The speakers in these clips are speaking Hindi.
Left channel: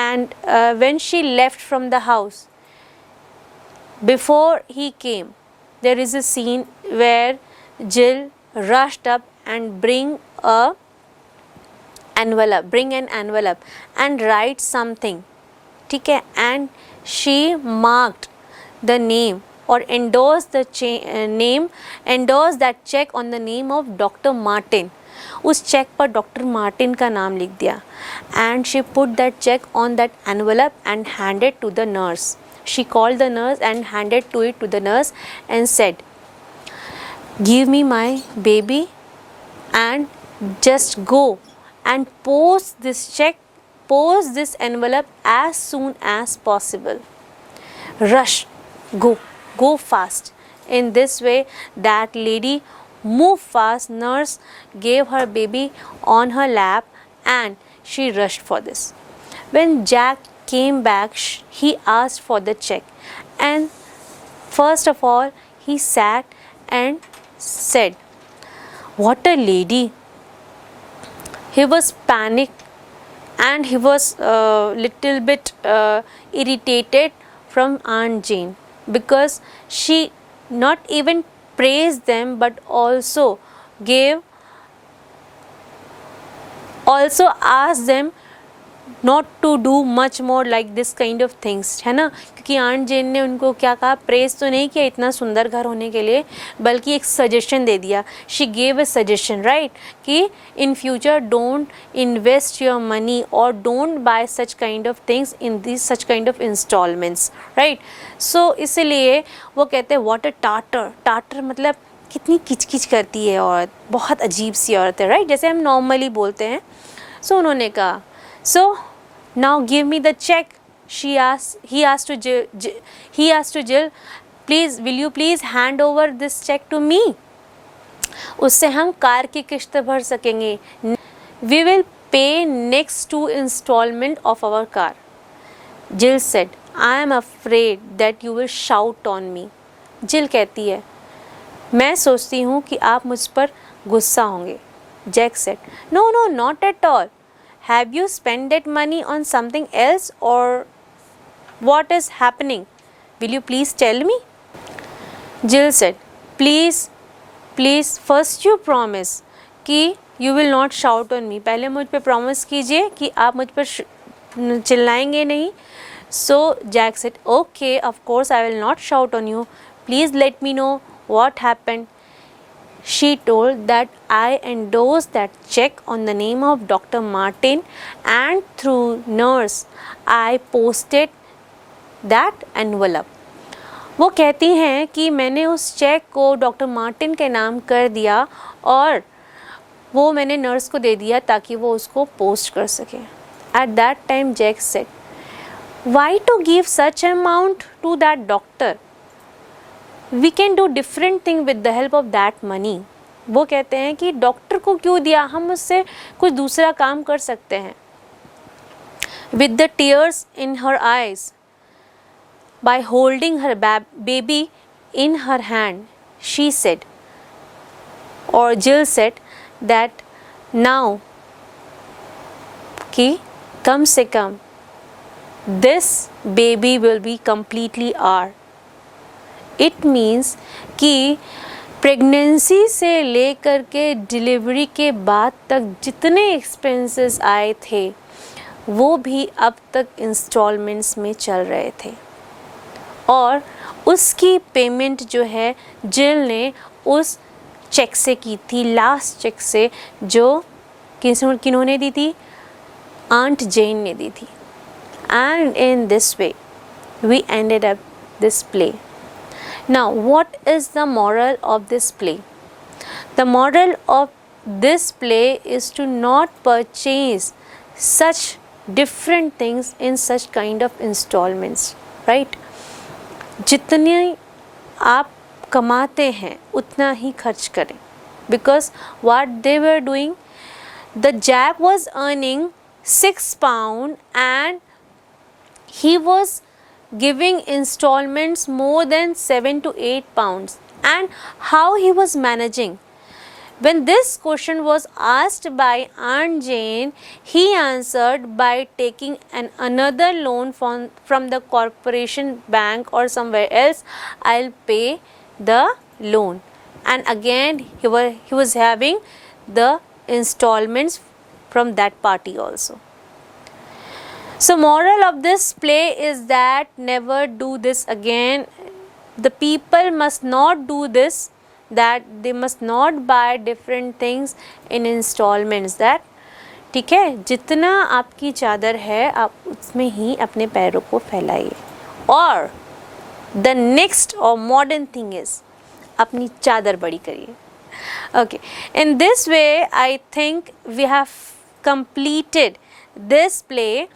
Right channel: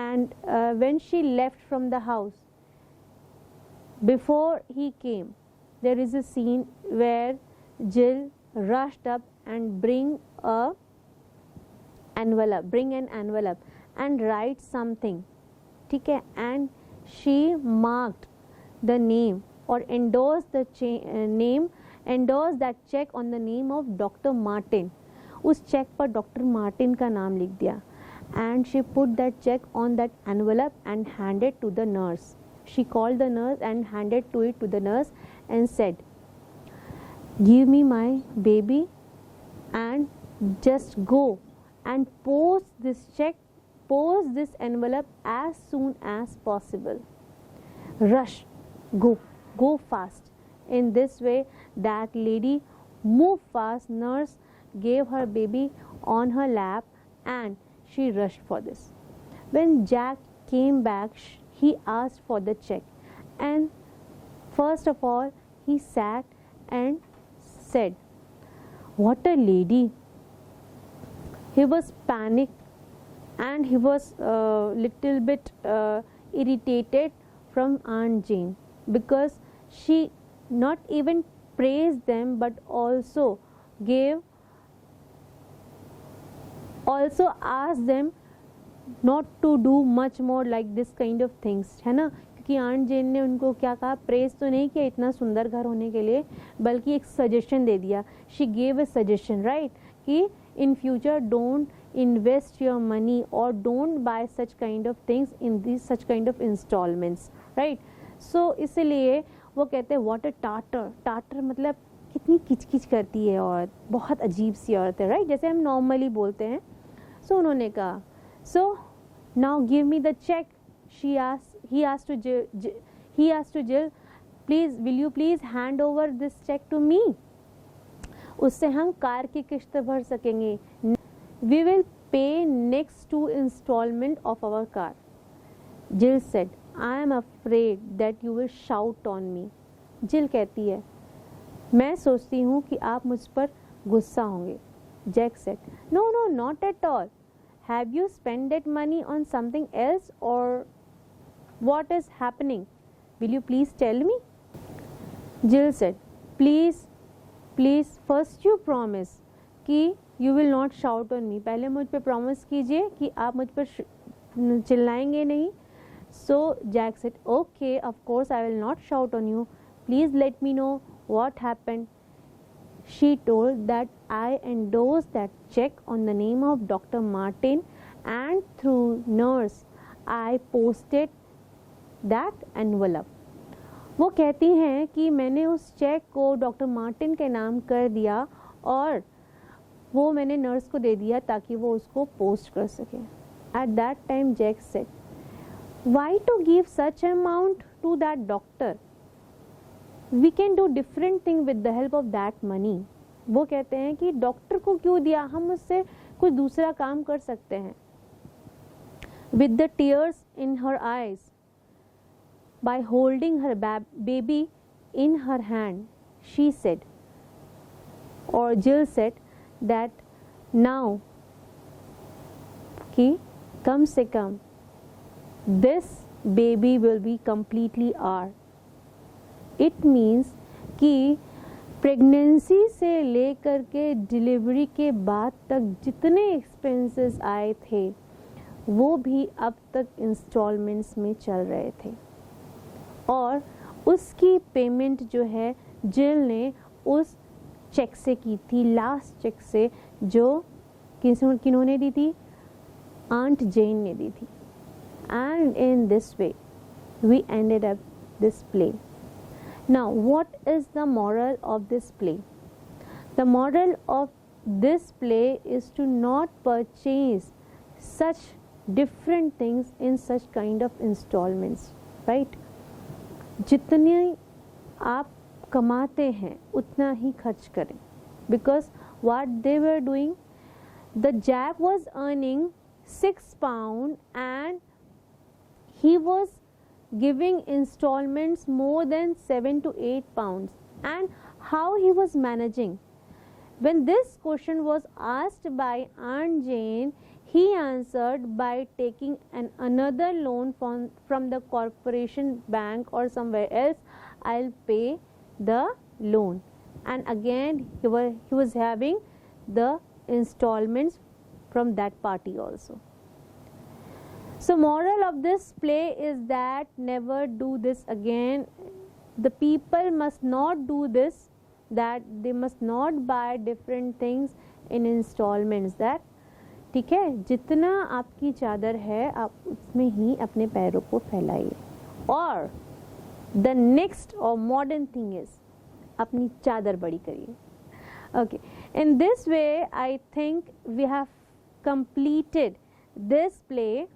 And when she left from the house, before he came, there is a scene where Jill rushed up and bring an envelope and write something, ठीक है, and she marked the name or endorsed that check on the name of Dr. Martin. उस चेक पर डॉक्टर मार्टिन का नाम लिख दिया. And she put that check on that envelope and handed to the nurse. She called the nurse and handed it to the nurse and said, "Give me my baby and just go and post this envelope as soon as possible. Rush, go fast." In this way, that lady moved fast. Nurse gave her baby on her lap and she rushed for this. When Jack came back, he asked for the check, and first of all he sat and said, "What a lady." He was panicked and he was little bit irritated from Aunt Jane, because she not even praised them but also asked them not to do much more like this kind of things, है ना. क्योंकि आंट जेन ने उनको क्या कहा, प्रेज तो नहीं किया इतना सुंदर घर होने के लिए, बल्कि एक सजेशन दे दिया. She gave a suggestion, right, कि in future don't invest your money or don't buy such kind of things in this such kind of installments, right. So इसलिए वो कहते हैं व्हाट अ टाटर मतलब कितनी किचकिच करती है औरत, बहुत अजीब सी औरत है, राइट, जैसे हम नॉर्मली बोलते हैं. सो उन्होंने कहा, "So now give me the check." He asked to Jill, "Please, will you please hand over this check to me? उससे हम कार की किस्त भर सकेंगे. We will pay next 2 installment of our car." Jill said, "I am afraid that you will shout on me." Jill कहती है, मैं सोचती हूँ कि आप मुझ पर गुस्सा होंगे. Jack said, "No, not at all. Have you spent that money on something else, or what is happening? Will you please tell me?" Jill said, Please, first you promise कि you will not shout on me. पहले मुझ पे promise कीजिए कि आप मुझ पर चिल्लाएंगे नहीं. So Jack said, "Okay, of course I will not shout on you. Please let me know what happened." She told that I endorsed that check on the name of Dr. Martin, and through nurse I posted that envelope. वो कहती हैं कि मैंने उस चेक को डॉक्टर मार्टिन के नाम कर दिया और वो मैंने नर्स को दे दिया ताकि वो उसको पोस्ट कर सके. At that time Jack said, "Why to give such amount to that doctor? We can do different thing with the help of that money." वो कहते हैं कि डॉक्टर को क्यों दिया, हम उससे कुछ दूसरा काम कर सकते हैं. With the tears in her eyes, by holding her baby in her hand, she said, or Jill said, that now कि कम से कम this baby will be completely ours. It means कि प्रेगनेंसी से लेकर के डिलीवरी के बाद तक जितने एक्सपेंसेस आए थे वो भी अब तक इंस्टॉलमेंट्स में चल रहे थे, और उसकी पेमेंट जो है जिल ने उस चेक से की थी, लास्ट चेक से, जो किन्होंने दी थी, आंट जेन ने दी थी. And in this way we ended up this play. Now, what is the moral of this play? The moral of this play is to not purchase such different things in such kind of installments, right? जितने आप कमाते हैं उतना ही खर्च करें, because what they were doing, the Jack was earning £6 and he was giving installments more than 7 to 8 pounds. And how he was managing, When this question was asked by Aunt Jane, he answered by taking another loan from the corporation bank or somewhere else. I'll pay the loan. And again he was having the installments from that party also. So moral of this play is that never do this again. The people must not do this, that they must not buy different things in installments. That ठीक है, जितना आपकी चादर है आप उसमें ही अपने पैरों को फैलाइए. और the next or modern thing is अपनी चादर बड़ी करिए. Okay, in this way I think we have completed this play.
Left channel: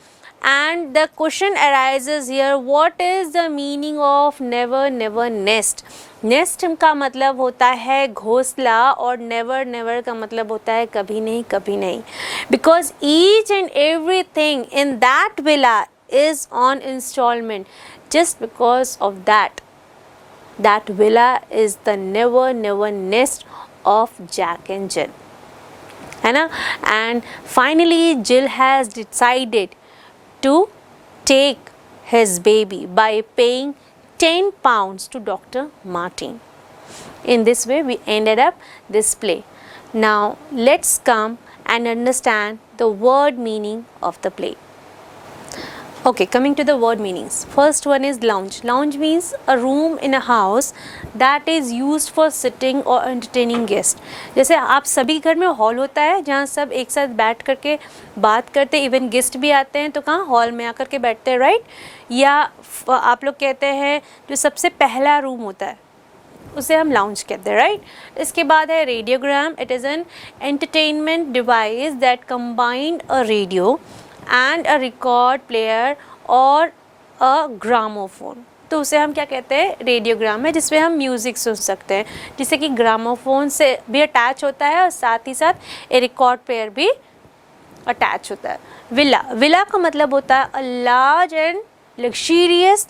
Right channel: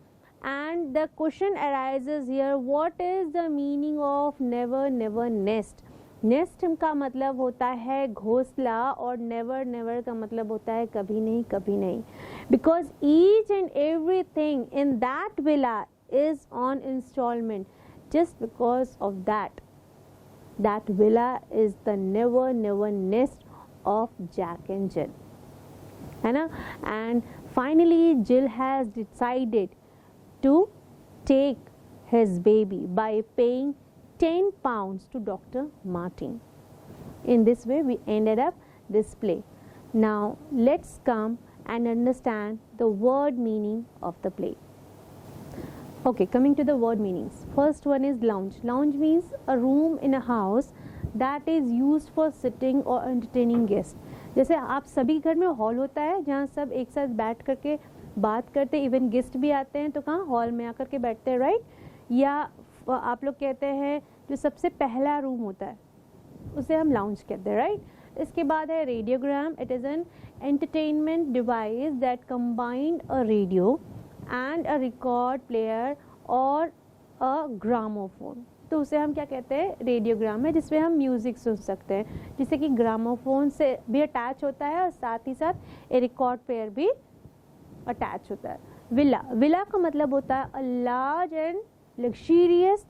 And the question arises here, what is the meaning of never never nest? Nest का मतलब होता है घोंसला और never never का मतलब होता है कभी नहीं कभी नहीं. Because each and everything in that villa is on installment. Just because of that villa is the never never nest of Jack and Jill. है ना? And finally Jill has decided to take his baby by paying 10 pounds to Dr. Martin. In this way we ended up this play. Now let's come and understand the word meaning of the play. Okay, coming to the word meanings. First one is lounge. Lounge means a room in a house that is used for sitting or entertaining guests. जैसे आप सभी घर में हॉल होता है जहाँ सब एक साथ बैठ करके बात करते हैं, इवन गेस्ट भी आते हैं तो कहाँ हॉल में आकर के बैठते हैं, राइट? या आप लोग कहते हैं जो सबसे पहला रूम होता है उसे हम लाउंज कहते हैं, राइट? इसके बाद है radiogram. It is an entertainment device that combined a radio and a record player or a gramophone. तो उसे हम क्या कहते हैं? रेडियोग्राम है, जिसमें हम म्यूज़िक सुन सकते हैं, जिससे कि ग्रामोफोन से भी अटैच होता है और साथ ही साथ ए रिकॉर्ड प्लेयर भी अटैच होता है. विला. विला का मतलब होता है a large and luxurious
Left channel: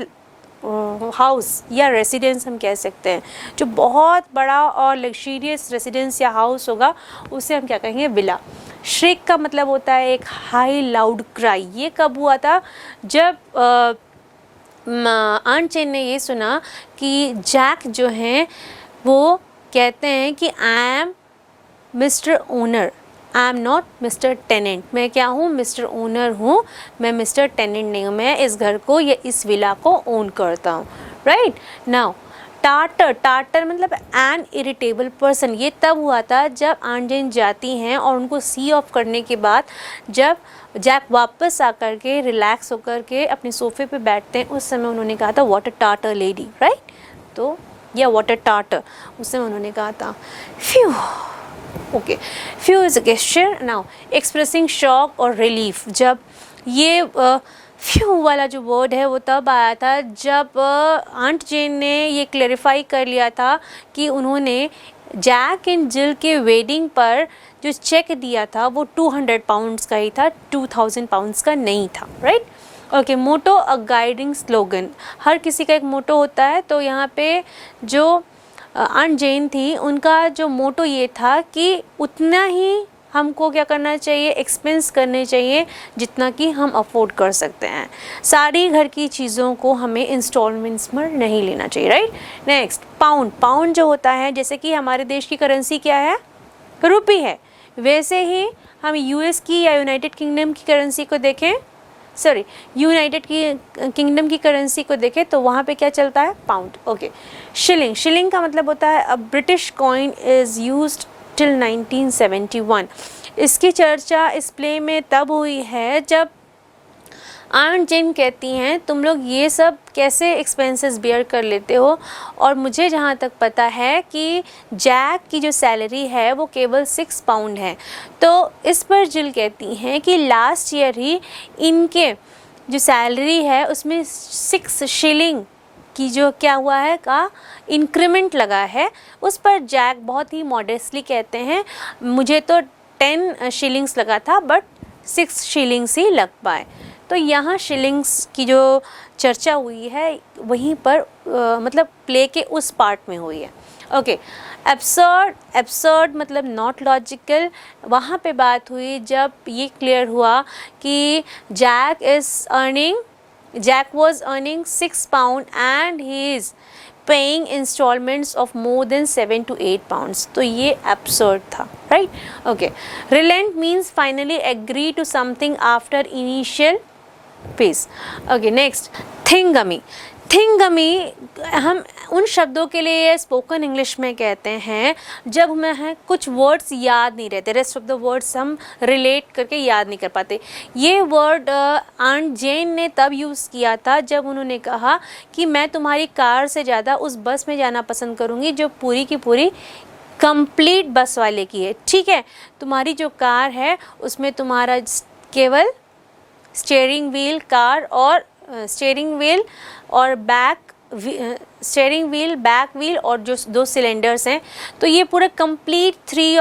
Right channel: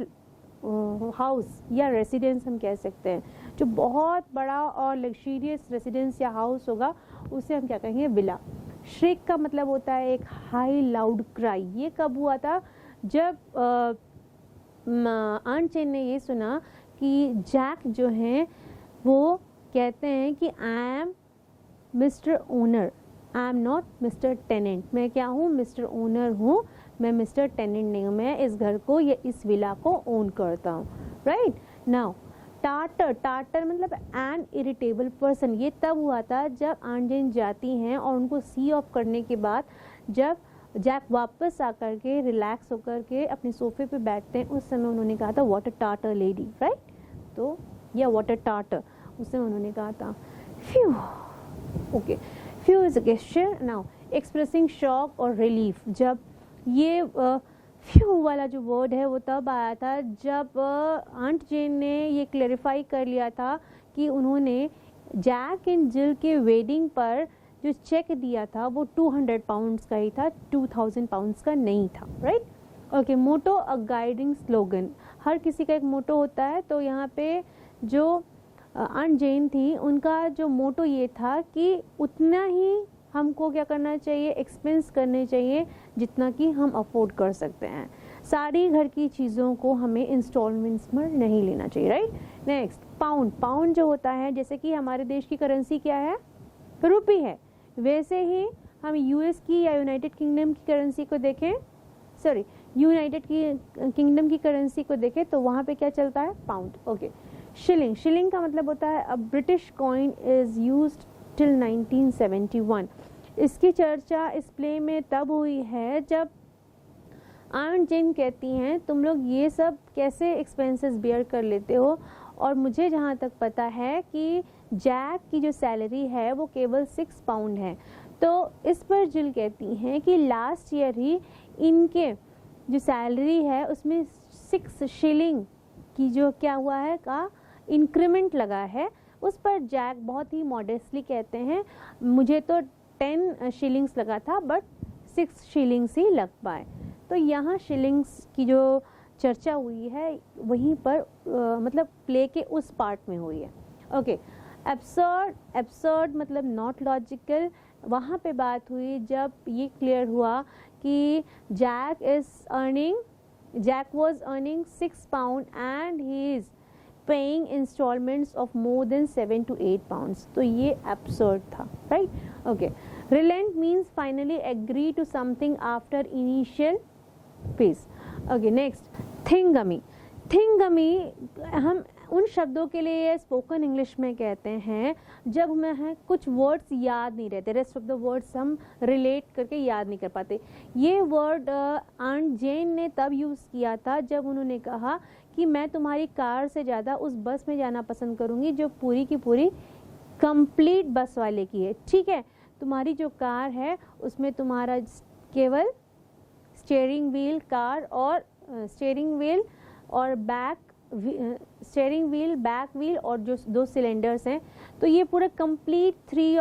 house या रेसिडेंस हम कह सकते हैं. जो बहुत बड़ा और लग्जरियस रेसिडेंस या हाउस होगा उसे हम क्या कहेंगे? विला. श्रिक का मतलब होता है एक हाई लाउड क्राई. ये कब हुआ था? जब आंट जेन ने ये सुना कि जैक जो हैं वो कहते हैं कि I am mister owner, I am not mister tenant. मैं क्या हूँ? मिस्टर ओनर हूँ, मैं मिस्टर टेनेंट नहीं हूँ. मैं इस घर को या इस विला को ओन करता हूँ, राइट? Now tartar. टार्टर मतलब एन इरिटेबल पर्सन. ये तब हुआ था जब आंट जेन जाती हैं और उनको सी ऑफ करने के बाद जब जैक वापस आकर के रिलैक्स होकर के अपने सोफे पे बैठते हैं, उस समय उन्होंने कहा था what a tartar lady, right? तो या व्हाट अ टार्टर उस समय उन्होंने कहा था. Few. Okay, few is a gesture. Now expressing shock और रिलीफ. जब ये फ्यू वाला जो वर्ड है वो तब आया था जब आंट जेन ने ये क्लैरिफाई कर लिया था कि उन्होंने जैक एंड जिल के वेडिंग पर जो चेक दिया था वो 200 पाउंड्स का ही था, 2000 पाउंड्स का नहीं था, right? Okay, motto a guiding slogan. हर किसी का एक मोटो होता है, तो यहाँ पे जो आंट जेन थी उनका जो मोटो ये था कि उतना ही हमको क्या करना चाहिए? एक्सपेंस करने चाहिए जितना कि हम अफोर्ड कर सकते हैं. सारी घर की चीज़ों को हमें इंस्टॉलमेंट्स में नहीं लेना चाहिए, राइट? Next, pound. पाउंड जो होता है, जैसे कि हमारे देश की करेंसी क्या है? रुपी है. वैसे ही हम यूएस की या यूनाइटेड किंगडम की करेंसी को देखें, यूनाइटेड किंगडम की करेंसी को देखें तो वहाँ पे क्या चलता है? पाउंड. ओके. शिलिंग. शिलिंग का मतलब होता है a British coin is used till 1971. इसकी चर्चा इस प्ले में तब हुई है जब आंट जेन कहती हैं तुम लोग ये सब कैसे एक्सपेंसेस बेयर कर लेते हो, और मुझे जहाँ तक पता है कि जैक की जो सैलरी है वो केवल 6 पाउंड है. तो इस पर जिल कहती हैं कि लास्ट ईयर ही इनके जो सैलरी है उसमें 6 शिलिंग की जो क्या हुआ है का इंक्रीमेंट लगा है. उस पर जैक बहुत ही मॉडेस्टली कहते हैं मुझे तो 10 शिलिंग्स लगा था बट 6 शिलिंग्स ही लग पाए. तो यहाँ शिलिंग्स की जो चर्चा हुई है वहीं पर मतलब प्ले के उस पार्ट में हुई है. ओके, एब्सर्ड मतलब नॉट लॉजिकल। वहाँ पे बात हुई जब ये क्लियर हुआ कि Jack was earning £6 and he is paying installments of more than 7 to 8 pounds, तो ये एब्सर्ड था, right. Okay, relent means finally agree to something after initial phase. Okay, next thingummy. Thingummy हम उन शब्दों के लिए स्पोकन इंग्लिश में कहते हैं जब हमें कुछ वर्ड्स याद नहीं रहते, रेस्ट ऑफ द वर्ड्स हम रिलेट करके याद नहीं कर पाते। ये वर्ड आंट जेन ने तब यूज़ किया था जब उन्होंने कहा कि मैं तुम्हारी कार से ज़्यादा उस बस में जाना पसंद करूँगी जो पूरी की पूरी कंप्लीट बस वाले की है, ठीक है। तुम्हारी जो कार है उसमें तुम्हारा केवल स्टीयरिंग व्हील और बैक व्हील और जो 2 सिलेंडर्स हैं, तो ये पूरा complete three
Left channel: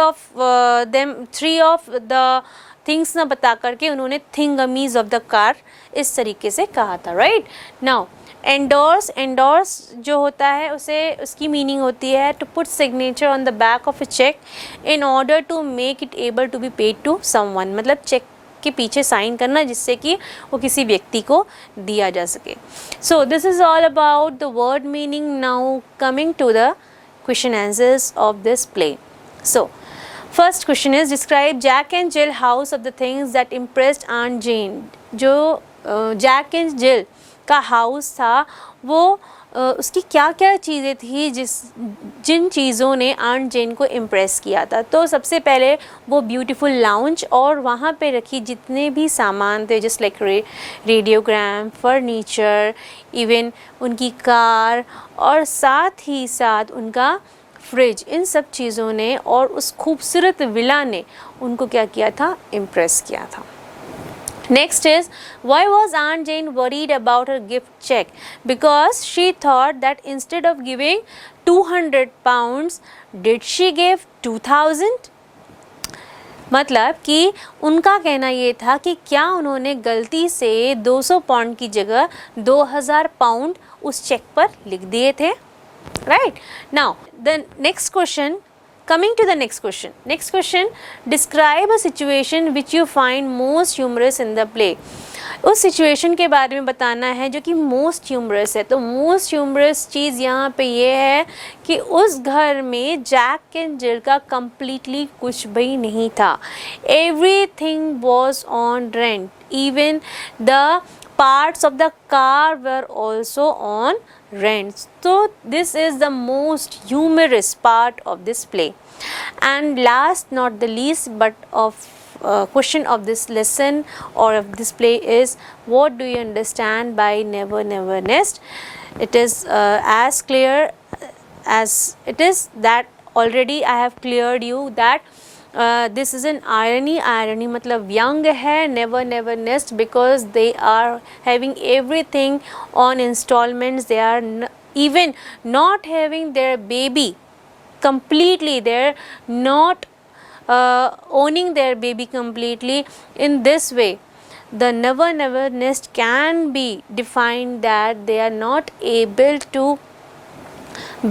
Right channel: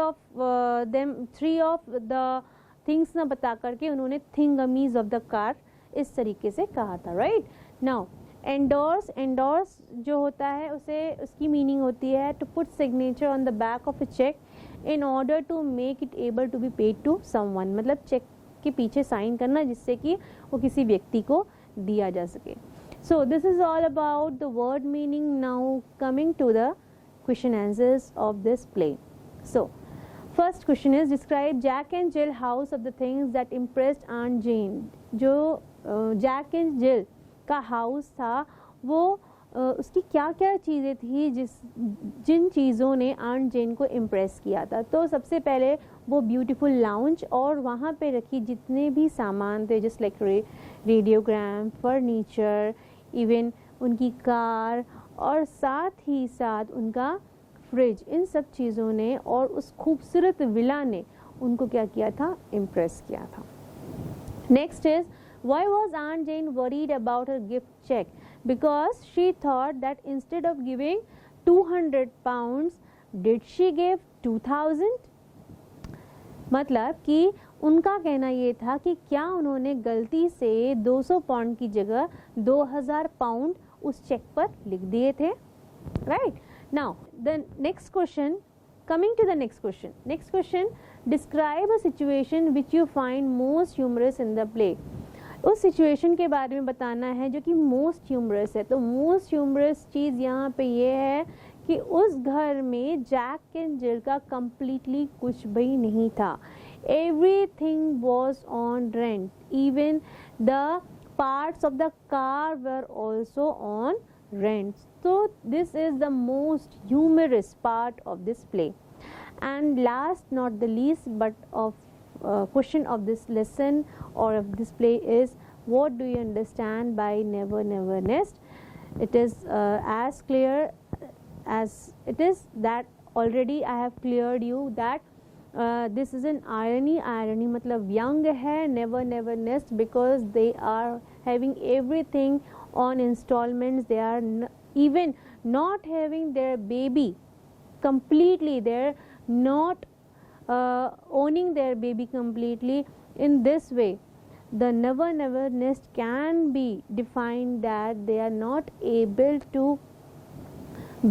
of the things ना बता करके उन्होंने थिंगमीज ऑफ द कार इस तरीके से कहा था, राइट। नाउ एंडोर्स जो होता है उसकी मीनिंग होती है to put signature on the back of a cheque in order to make it able to be paid to someone, मतलब चेक के पीछे साइन करना जिससे कि वो किसी व्यक्ति को दिया जा सके। So this is all about the word meaning. Now coming to the question answers of this play. So first question is describe Jack and Jill house of the things that impressed aunt Jane. जो जैक एंड जिल का हाउस था वो उसकी क्या क्या चीज़ें थी जिन चीज़ों ने आंट जेन को इम्प्रेस किया था। तो सबसे पहले वो ब्यूटीफुल लाउंज और वहाँ पे रखी जितने भी सामान थे just like radiogram, furniture, even उनकी कार और साथ ही साथ उनका फ्रिज, इन सब चीज़ों ने और उस खूबसूरत विला ने उनको क्या किया था, इम्प्रेस किया था। Next is, why was Aunt Jane worried about her gift check? Because she thought that instead of giving 200 pounds, did she give 2000? मतलब कि उनका कहना ये था कि क्या उन्होंने गलती से 200 पाउंड की जगह 2000 पाउंड उस चेक पर लिख दिए थे, right? Now the next question. Coming to the next question. Next question, describe a situation which you find most humorous in the play. उस सिचुएशन के बारे में बताना है जो कि मोस्ट ह्यूमरस है। तो मोस्ट ह्यूमरस चीज़ यहाँ पे ये है कि उस घर में जैक एंड जिल का कम्प्लीटली कुछ भी नहीं था। Everything was on rent, even the parts of the car were also on rent. So this is the most humorous part of this play. And last not the least but of question of this lesson or of this play is, what do you understand by never never nest? It is as clear as it is that already I have cleared you that this is an irony मतलब young है, never never nest because they are having everything on installments, they are even not having their baby completely, they're not owning their baby completely. In this way the never never nest can be defined that they are not able to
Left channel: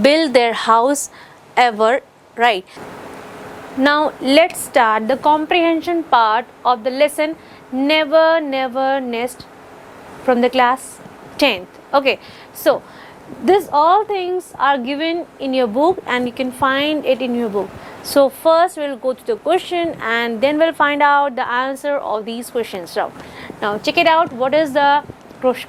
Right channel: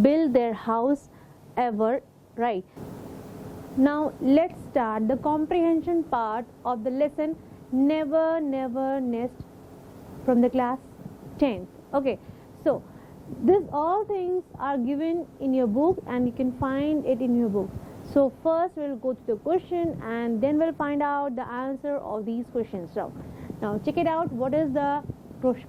build their house ever, right? Now let's start the comprehension part of the lesson never never nest from the class 10th. Okay, so this all things are given in your book and you can find it in your book. So first we'll go to the question and then we'll find out the answer of these questions. Now check it out. What is the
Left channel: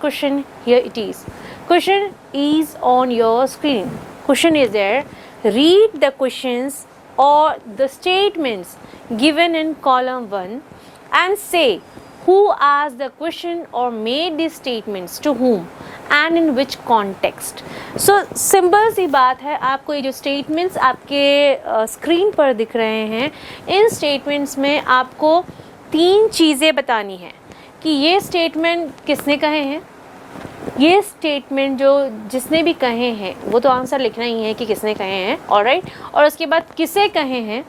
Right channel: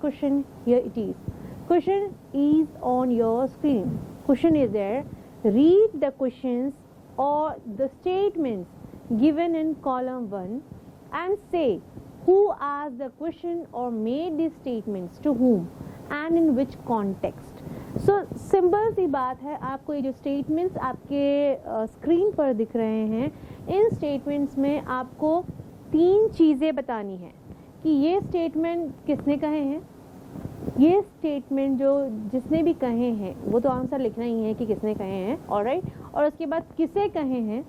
question? Here it is. Question is on your screen. Question is there. Read the questions or the statements given in column 1 and say who asked the question or made these statements to whom and in which context. So simple सी बात है, आपको ये जो स्टेटमेंट्स आपके स्क्रीन पर दिख रहे हैं, इन स्टेटमेंट्स में आपको 3 चीज़ें बतानी हैं कि ये स्टेटमेंट किसने कहे हैं, ये स्टेटमेंट जो जिसने भी कहे हैं वो तो आंसर लिखना ही है कि किसने कहे हैं, ऑलराइट, और उसके बाद किसे कहे हैं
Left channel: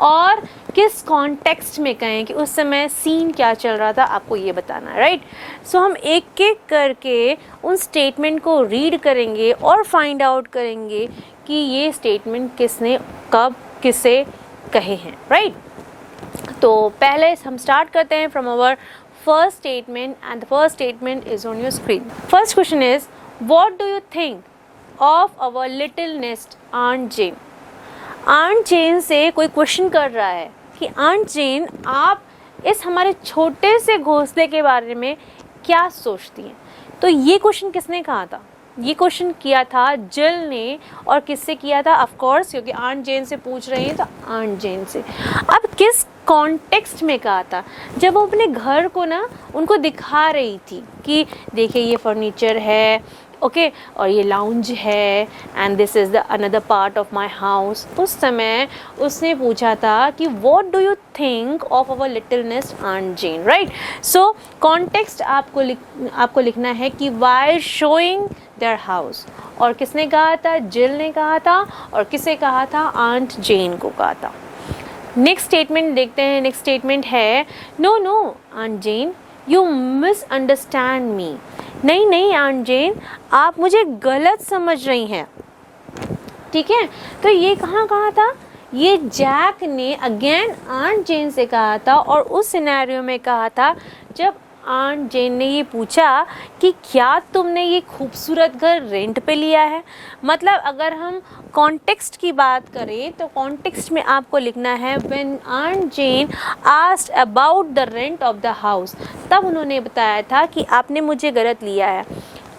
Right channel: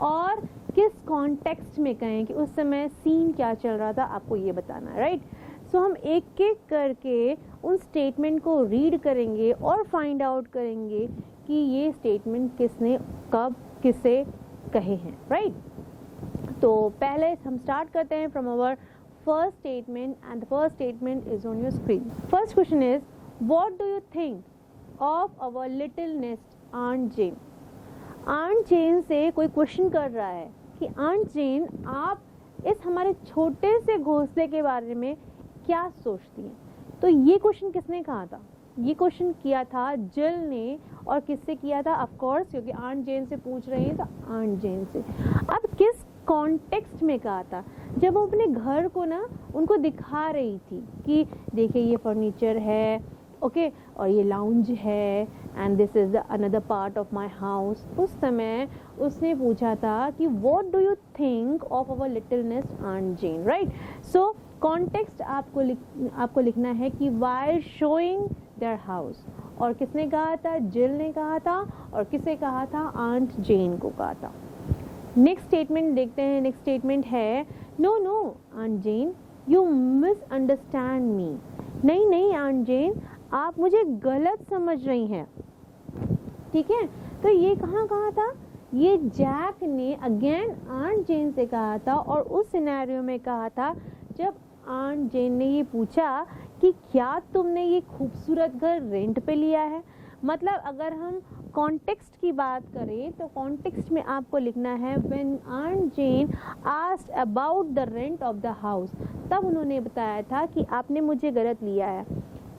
और किस कॉन्टेक्स्ट में कहें कि उस समय सीन क्या चल रहा था, आपको ये बताना है, राइट। सो हम एक एक करके उन स्टेटमेंट को रीड करेंगे और फाइंड आउट करेंगे कि ये स्टेटमेंट किसने कब किसे कहे हैं, राइट। तो पहले हम स्टार्ट करते हैं from our first statement and the first statement is on your screen. First question is what do you think of our little nest aunt Jane. Aunt Jane से कोई क्वेश्चन कर रहा है कि आंट जेन आप इस हमारे छोटे से घोंसले के बारे में क्या सोचती हैं। तो ये क्वेश्चन किसने कहा था? ये क्वेश्चन किया था जिल ने। और किससे किया था? ऑफ कोर्स, क्योंकि आंट जेन से पूछ रही हैं तो आंट जेन से। अब किस कॉन्टेक्स्ट में कहा था? जब वो अपने घर को ना उनको दिखा रही थी कि देखिए ये फर्नीचर है, ओके, और ये लाउंज है and this is the another part of my house. उस समय उसने पूछा था कि what do you think of our little nest aunt Jane, right. So context आपको लिखना है कि वाइल शोइंग देयर हाउस। और किसने कहा था? जिल ने कहा था। और किसे कहा था? आंट जेन को कहा था। नेक्स्ट स्टेटमेंट देखते हैं। नेक्स्ट स्टेटमेंट है no no aunt Jane you misunderstand me. नहीं नहीं आंट जेन, आप मुझे गलत समझ रही हैं, ठीक है। तो ये कहाँ कहा था? ये जैक ने अगेन आंट जेन से कहा था। और उस सिनेरियो में कहा था जब आंट जेन ने ये पूछा कि क्या तुमने ये खूबसूरत घर रेंट पे लिया है। मतलब अगर हम कॉन्टेक्स्ट की बात करें तो कॉन्टेक्स्ट में आपको लिखना है when aunt Jane asked about the rent of the house, तब उन्होंने बताया था कि आपने मुझे गलत लिया है।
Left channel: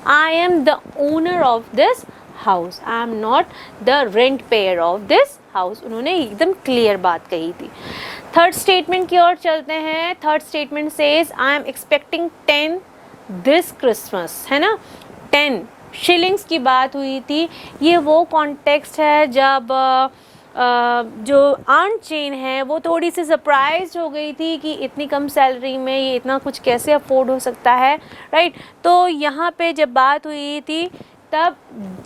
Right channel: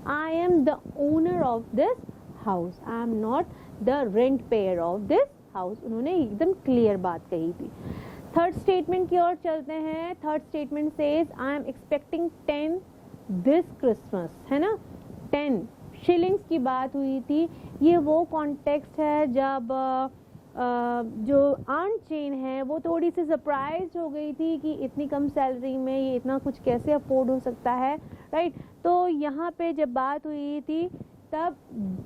I am the owner of this house, I am not the rent pair of this house. उन्होंने एकदम क्लियर बात कही थी। थर्ड स्टेटमेंट की ओर चलते हैं। Third statement says I am expecting 10 this Christmas, है ना। 10 शिलिंग्स की बात हुई थी। ये वो कॉन्टेक्स्ट है जब जो आंट जेन है वो थोड़ी सी सरप्राइज हो गई थी कि इतनी कम सैलरी में ये इतना कुछ कैसे अफोर्ड हो सकता है, राइट। तो यहाँ पे जब बात हुई थी तब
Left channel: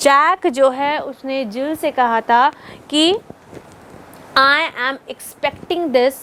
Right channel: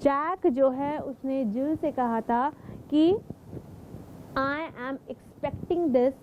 जैक जो है उसने जिल से कहा था कि आई एम एक्सपेक्टिंग दिस,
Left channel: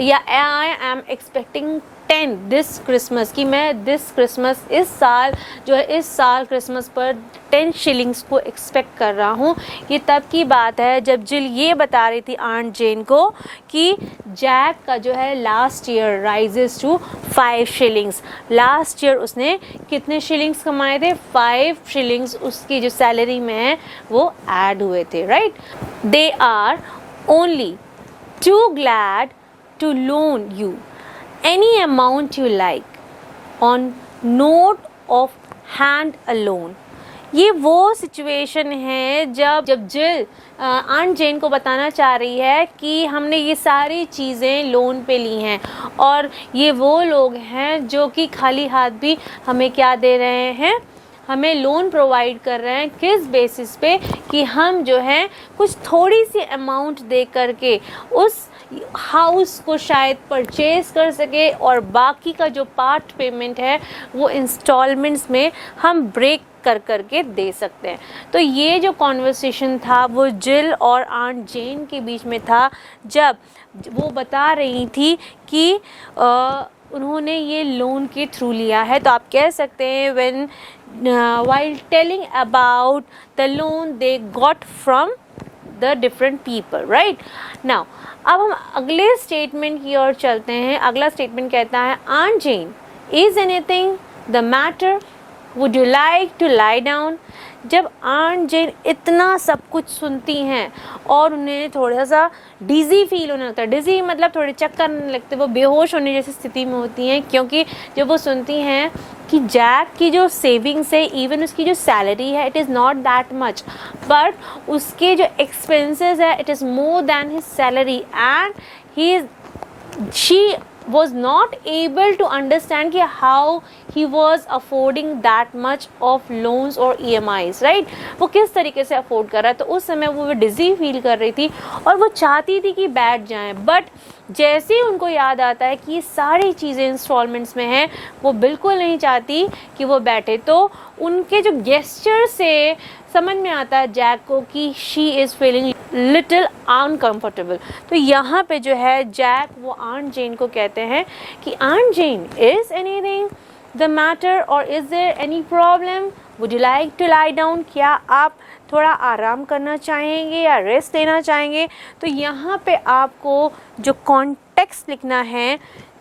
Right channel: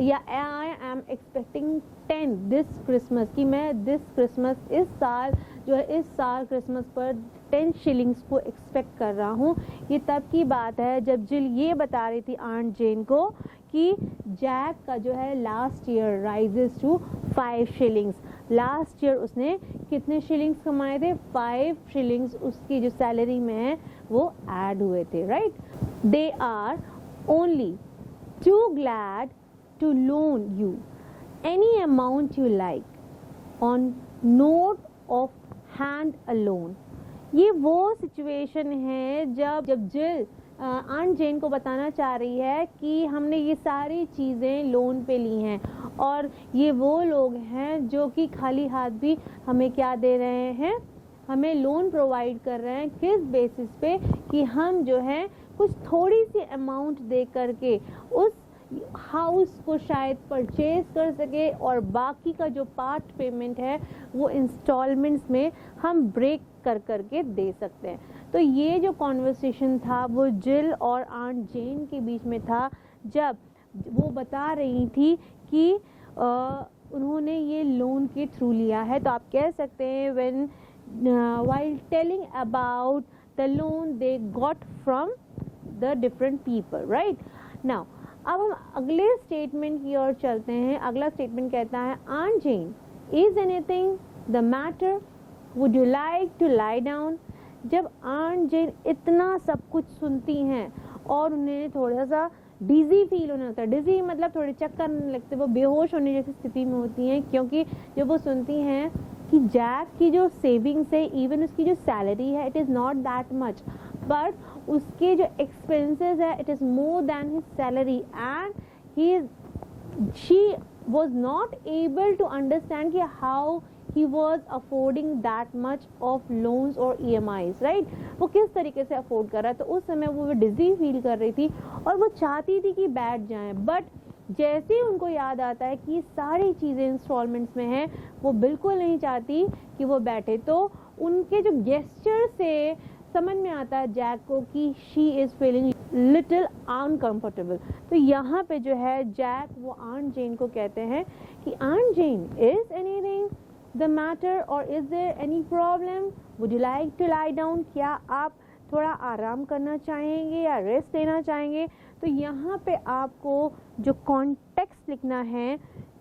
या I am expecting 10 this Christmas, कि मैं दिस क्रिसमस इस साल जो है इस साल क्रिसमस पर 10 शिलिंग्स को एक्सपेक्ट कर रहा हूँ। ये तब की बात है जब जिल ये बता रही थी आंट जेन को कि जैक का जो है last year rises to 5 shillings. Last year उसने कितने शिलिंग्स कमाए थे? 5 शिलिंग्स उसकी जो सैलरी में है वो ऐड हुए थे, right. They are only too glad to loan you any amount you like on note of hand alone। ये वो सिचुएशन है जब जिल आंट जेन को बताना चाह रही है कि हमने ये सारी चीज़ें लोन पे ली हैं और ये वो लोग हैं जो कि खाली हाथ भी हमें क्या दे रहे हैं? हमें लोन प्रोवाइड कर रहे हैं। किस बेसिस पे? कि हम जो है कुछ थोड़ी सी अमाउंट दे करके उस हाउस को शायद परचेज कर सके और बाकी का जो पार्ट पेमेंट है वो इंस्टॉलमेंट्स में हम ब्रेक कर करके दे सकते हैं। तो ये जो कॉन्वर्सेशन था वो जिल और आंट जेन के बीच में था जब वो बता रही थी कि उन्होंने ये लोन के थ्रू लिया है। तो आप कह सकते हैं when while telling about the loan they got from the different people, right now। अब हम अगले स्टेटमेंट की ओर चलते हैं। अगला स्टेटमेंट कहता है aunt Jane is anything the matter, would you like to lie down. जब आंट जेन इतना सब कुछ सुनती हैं और उन्हें थोड़ा सा डिज़ी फील होने लगता है। डिज़ी मतलब थोड़े चक्कर आने लगते, वो बेहोश होने जैसी स्थिति में होती हैं, क्योंकि जब वो सुनती हैं कि जैक की जो सेविंग्स है, इवन उसकी जो सैलरी है, it is not that much, but उसके जो एक्सपेंसेस है it is more than his salary and she was not able to understand कि how he was affording that much of loans or EMIs, right। वो किस तरीके से अफोर्ड कर रहा है। तो उस समय वो डिज़ी फील कर रही थी और वो चाहती थी कि बैठ जाएं, बट जैसे ही उनको याद आता है कि ये सारी चीज़ें इंस्टॉलमेंट्स में हैं, वो बिल्कुल नहीं चाहती कि वो बैठे। तो उनके जो गेस्चर से समझ में आता है जैक को कि she is feeling little uncomfortable. तो यहाँ पे जो है जैक वो आंट जेन को कहते हैं कि aunt Jane is anything the matter or is there any problem, would you like to lie down. क्या आप थोड़ा आराम करना चाहेंगे या रेस्ट लेना चाहेंगे, तो यहाँ पे आपको जो कॉन्टेक्स्ट लिखना है,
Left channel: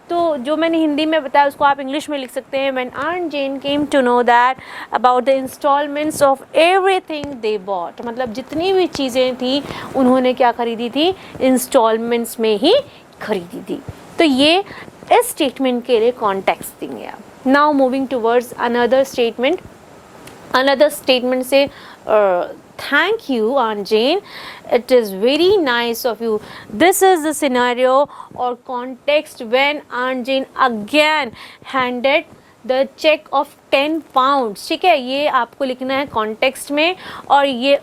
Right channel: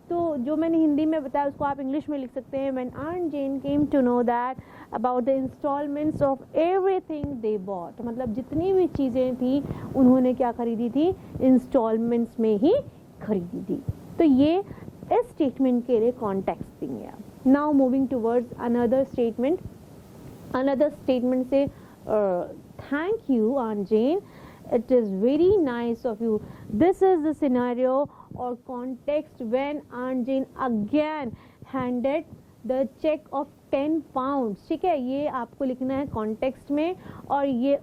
तो जो मैंने हिंदी में बताया उसको आप इंग्लिश में लिख सकते हैं। When Aunt Jane came to know that about the installments of everything they bought, मतलब जितनी भी चीज़ें थी उन्होंने क्या खरीदी थी, इंस्टॉलमेंट्स में ही खरीदी थी। तो ये इस स्टेटमेंट के लिए कॉन्टेक्स्ट देंगे आप। Now moving towards another statement. Another statement से thank you Aunt Jane, it is very nice of you. This is the scenario or context when Aunt Jane again handed the check of 10 pounds। ठीक है, ये आपको लिखना है कॉन्टेक्स्ट में। और ये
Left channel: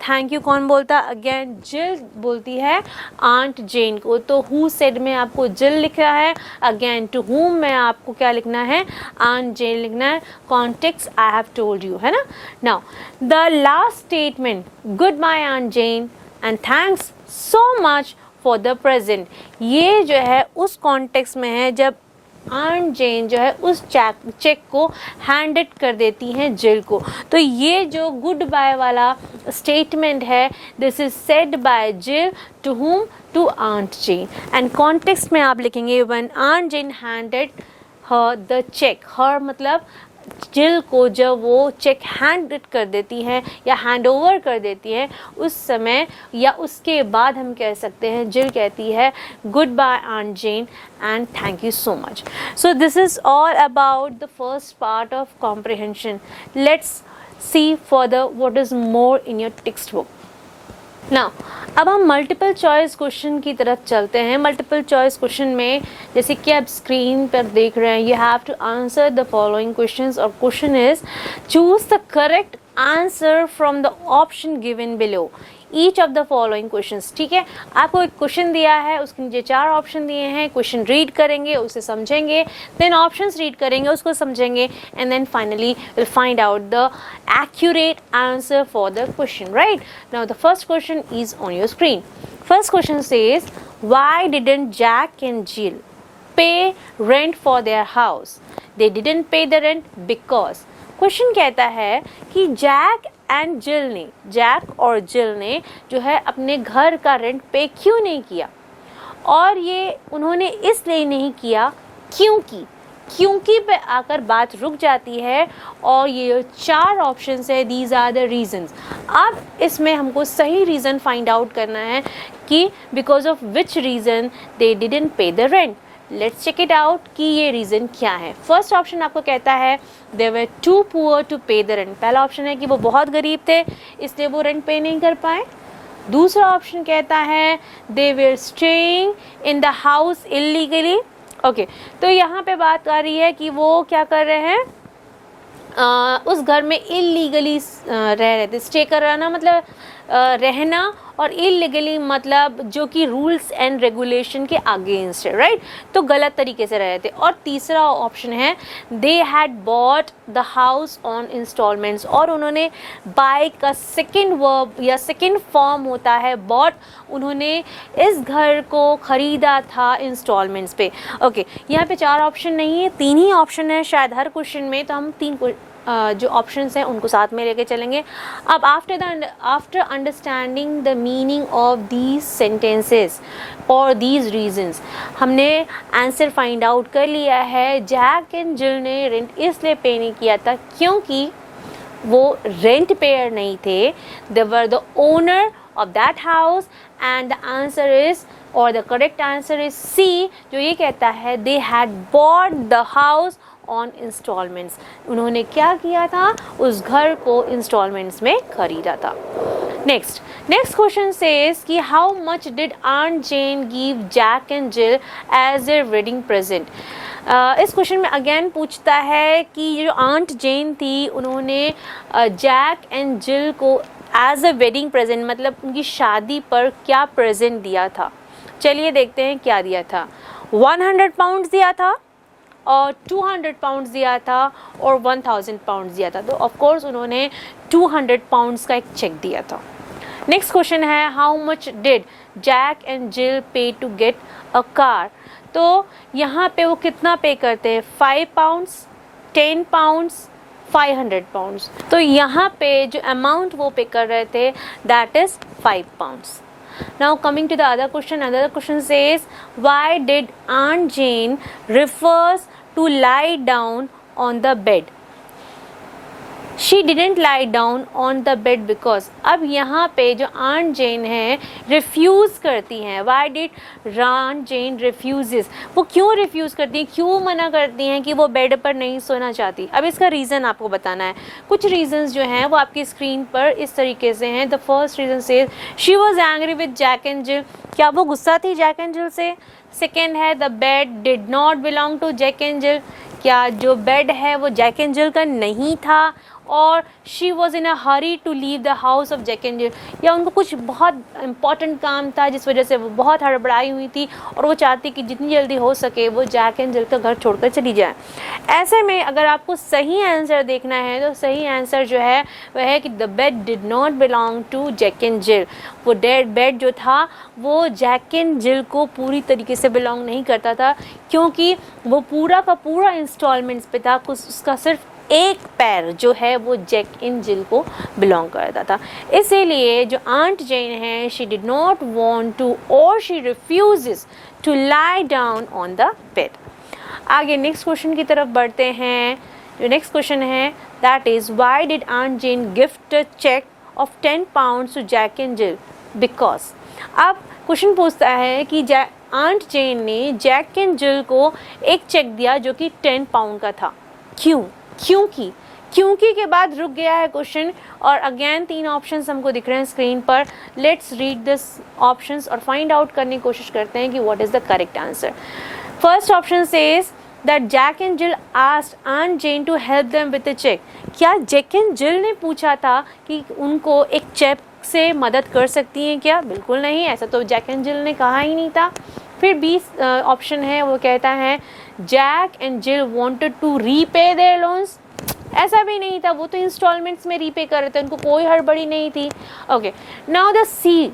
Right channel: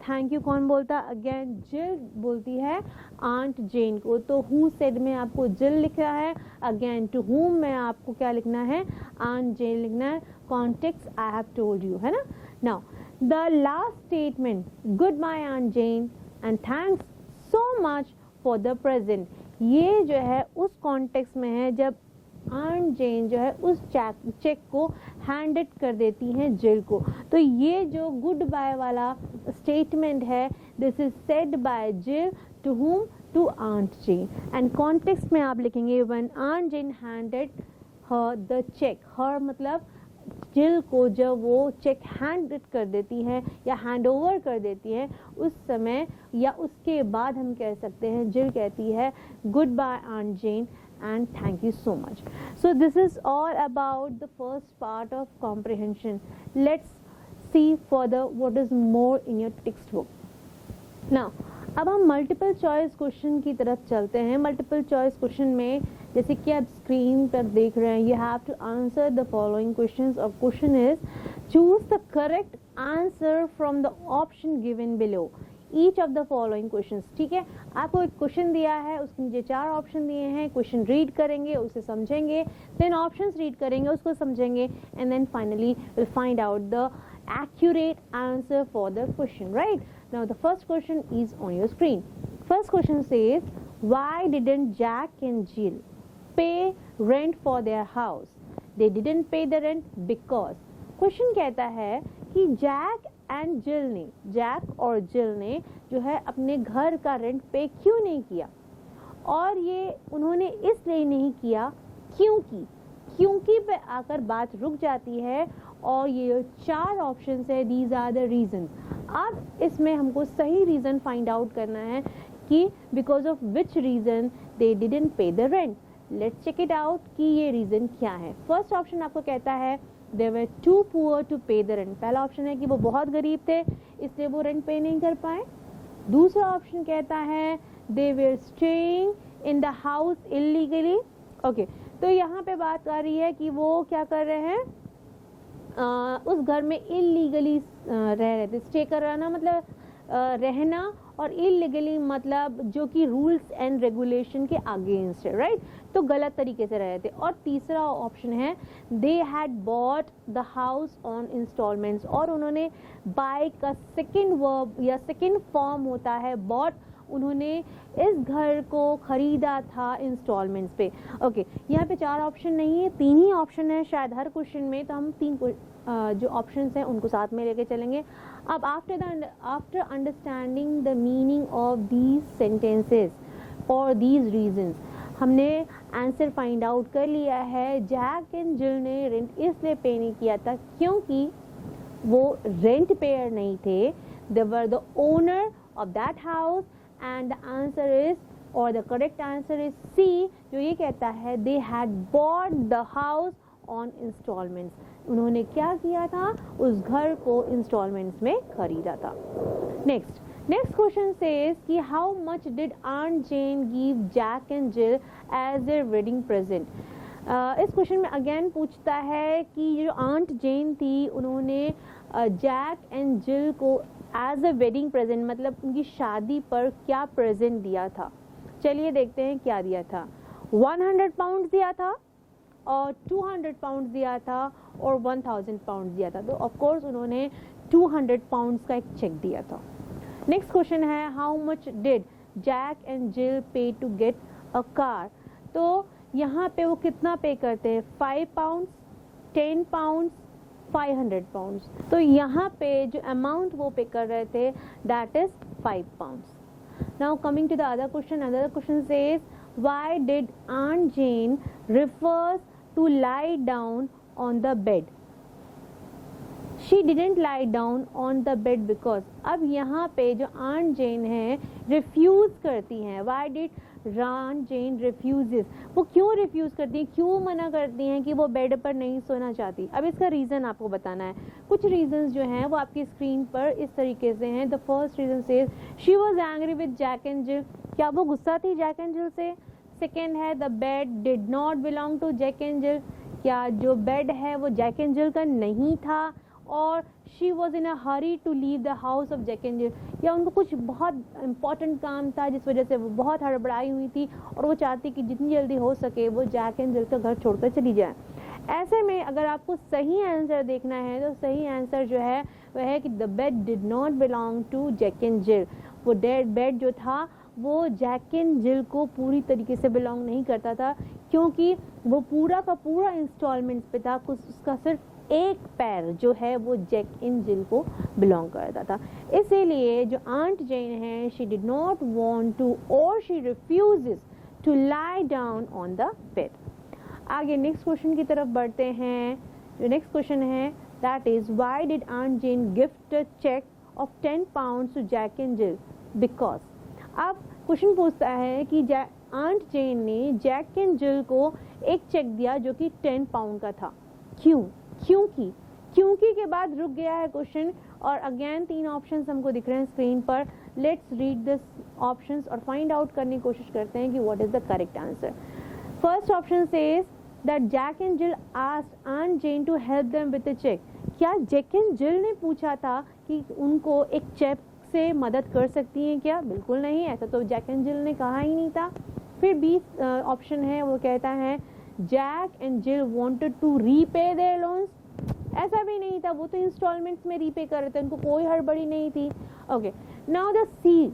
थैंक यू कौन बोलता है, अगेन जिल बोलती है आंट जेन को। तो हु सेड में आपको जिल लिखा है, अगेन टू हुम में आपको क्या लिखना है, आंट जेन लिखना है। Context I have told you, है ना। Now the last statement, good bye aunt Jane and thanks so much for the present, ये जो है उस कॉन्टेक्स्ट में है जब आंट जेन जो है उस चेक को हैंडेड कर देती हैं जिल को। तो ये जो गुड बाय वाला स्टेटमेंट है, this is said by Jill to whom, to aunt Jane. And context में आप लिखेंगे when aunt Jane handed her the cheque. Her मतलब जिल को जब वो चेक हैंड कर देती हैं या हैंड ओवर कर देती हैं, उस समय या उसके बाद हम कह सकते हैं जिल कहती है good bye aunt Jane and thank you so much. So this is all about the first part of comprehension. Let's see further what is more in your text book. Now अब हम मल्टीपल चॉइस क्वेश्चन की तरफ चलते हैं। मल्टीपल चॉइस क्वेश्चन में जैसे कि आप स्क्रीन पर देख रहे हैं, you have to answer the following questions और question is choose the correct answer from the option given below each of the following questions. ठीक है, आपको एक क्वेश्चन दिया है, उसके नीचे 4 ऑप्शन दिए हैं। क्वेश्चन रीड करेंगे, उसे समझेंगे, देन ऑप्शंस रीड करेंगे, उसको समझेंगे, and then finally will find out the accurate answer for the question, right? Now the first question is on your screen. First question says, why didn't Jack and Jill pay rent for their house? They didn't pay the rent because, question कहता है कि जैक एंड जिल ने, जैक और जिल ने जो है अपने घर का रेंट पे क्यों नहीं किया। और ये उन्होंने इसलिए नहीं किया क्योंकि पे आकर बात रुक जाती है। और ये 4 ऑप्शंस है, दीज आर द रीजंस। अब इसमें हमको सही रीज़न फाइंड आउट करना है कि because of which reason they didn't pay the rent. Let's check it out कि ये रीज़न क्या है। फर्स्ट ऑप्शन आपको कहता है they were to poor to पे द रेंट। पहला ऑप्शन है कि वो बहुत गरीब थे इसलिए वो रेंट पे नहीं कर पाए। दूसरा ऑप्शन कहता है they were staying in the house illegally. Okay, तो यहाँ पे बात आ रही है कि वो क्या कर रहे हैं, उस घर में इलीगली रह रहे थे। स्टे कराना मतलब रहना, और इलीगली मतलब जो कि रूल्स एंड रेगुलेशन के अगेंस्ट है, राइट। तो गलत तरीके से रह रहे थे। और तीसरा ऑप्शन है they had bought the house on instalments, और उन्होंने बाय का सेकेंड वर्ब या सेकेंड फॉर्म होता है बॉट, उन्होंने इस घर को खरीदा था इंस्टॉलमेंट्स पे। ओके, यहाँ पे 4 ऑप्शन नहीं है, 3 ही ऑप्शन है शायद हर क्वेश्चन में, तो हम 3 जो ऑप्शंस हैं उनको साथ में लेके चलेंगे। अब after understanding the meaning of these sentences और दीज रीजंस, हमने आंसर फाइंड आउट कर लिया है। जैक एंड जिल ने रेंट इसलिए पे नहीं किया था क्योंकि वो रेंट पेयर नहीं थे, they were the owner of that house. And the answer is, और the correct answer is C, जो ये कहता है they had bought the house on installments. उन्होंने क्या किया था, उस घर को इंस्टॉलमेंट्स में खरीदा था। नेक्स्ट क्वेश्चन सेज कि how much did aunt Jane give Jack and Jill as a wedding present. इस क्वेश्चन में अगेन पूछता है कि जो आंट जेन थी उन्होंने जैक एंड जिल को एज ए वेडिंग प्रेजेंट मतलब उनकी शादी पर क्या प्रेजेंट दिया था। चलिए देखते हैं क्या दिया था। 100 पाउंड्स दिया था, और 200 पाउंड्स दिया था, और 1000 पाउंड्स दिया था। तो ऑफ कोर्स उन्होंने 200 पाउंड्स का एक चेक दिया था। Next question is how much did Jack and Jill pay to get a car. तो यहाँ पे वो कितना पे करते हैं, 5 पाउंड्स, 10 पाउंड्स, 500 पाउंड्स। तो यहाँ पे जो अमाउंट वो पे कर रहे थे that is 5 pounds. Now coming to the other question, another question says, why did Aunt Jane refers to lie down on the bed? She didn't lie down on the bed because, अब यहाँ पे जो Aunt Jane है refuse करती हैं। Why did Aunt Jane refuses? वो क्यों refuse करती हैं, क्यों मना करती हैं कि वो बेड पर नहीं सोना चाहती? अब इसका रीज़न आपको बताना है। कुछ रीजंस जो हैं वो आपकी स्क्रीन पर इस तरीके से हैं। The first reason says she was angry with Jack and Jill, क्या वो गुस्सा थी जैक एंड जिल से? सेकेंड है the bed did not belong to Jack and Jill, क्या जो बेड है वो जैक एंड जिल का नहीं था? और she was in a hurry to leave the house of Jack and Jill, या उनको कुछ बहुत इंपॉर्टेंट काम था जिस वजह से वो बहुत हड़बड़ाई हुई थी और वो चाहती कि जितनी जल्दी हो सके वो जैक एंड जिल का घर छोड़कर चली जाए। ऐसे में अगर आपको सही आंसर देखना है तो सही आंसर जो है वह है कि the bed did not belong to Jack and Jill. वो बेड जो था वो जैक एंड जिल को पूरी तरीके से बिलोंग नहीं करता था, क्योंकि वो पूरा का पूरा इंस्टॉलमेंट्स पे था। उसका सिर्फ एक पैर जो है वो जैक एंड जिल को बिलोंग करता था। इसीलिए जो आंट जेन है she did not want to और she refuses to lie down on the bed. आगे नेक्स्ट क्वेश्चन की तरफ बढ़ते हैं। जो नेक्स्ट क्वेश्चन है that is why did aunt Jane gift a cheque of 10 pounds to Jack and Jill? Because अब क्वेश्चन पूछता है कि आंट जेन ने जैक एंड जिल को एक चेक दिया जो कि 10 पाउंड का था। क्यों? क्योंकि के बाद रुक गया है क्वेश्चन, और अगेन 3 ऑप्शंस हमको दिख रहे हैं स्क्रीन पर। लेट्स रीड दिस ऑप्शंस और फाइंड आउट करने की कोशिश करते हैं कि what is the correct answer. First option says that Jack and Jill asked aunt Jane to help them with a cheque. क्या जैक एंड जिल ने पूछा था कि उनको एक चेक से मदद कर सकती हैं क्या? बिल्कुल नहीं, ऐसा तो जैक एंड जिल ने कहा ही नहीं था। फिर बी ऑप्शन है वो कहता है Jack and Jill wanted to repay their loans. ऐसा भी नहीं था, वो तो इंस्टॉलमेंट्स में रीपे कर रहे थे, उनको कोई हड़बड़ी नहीं थी। Okay, now the C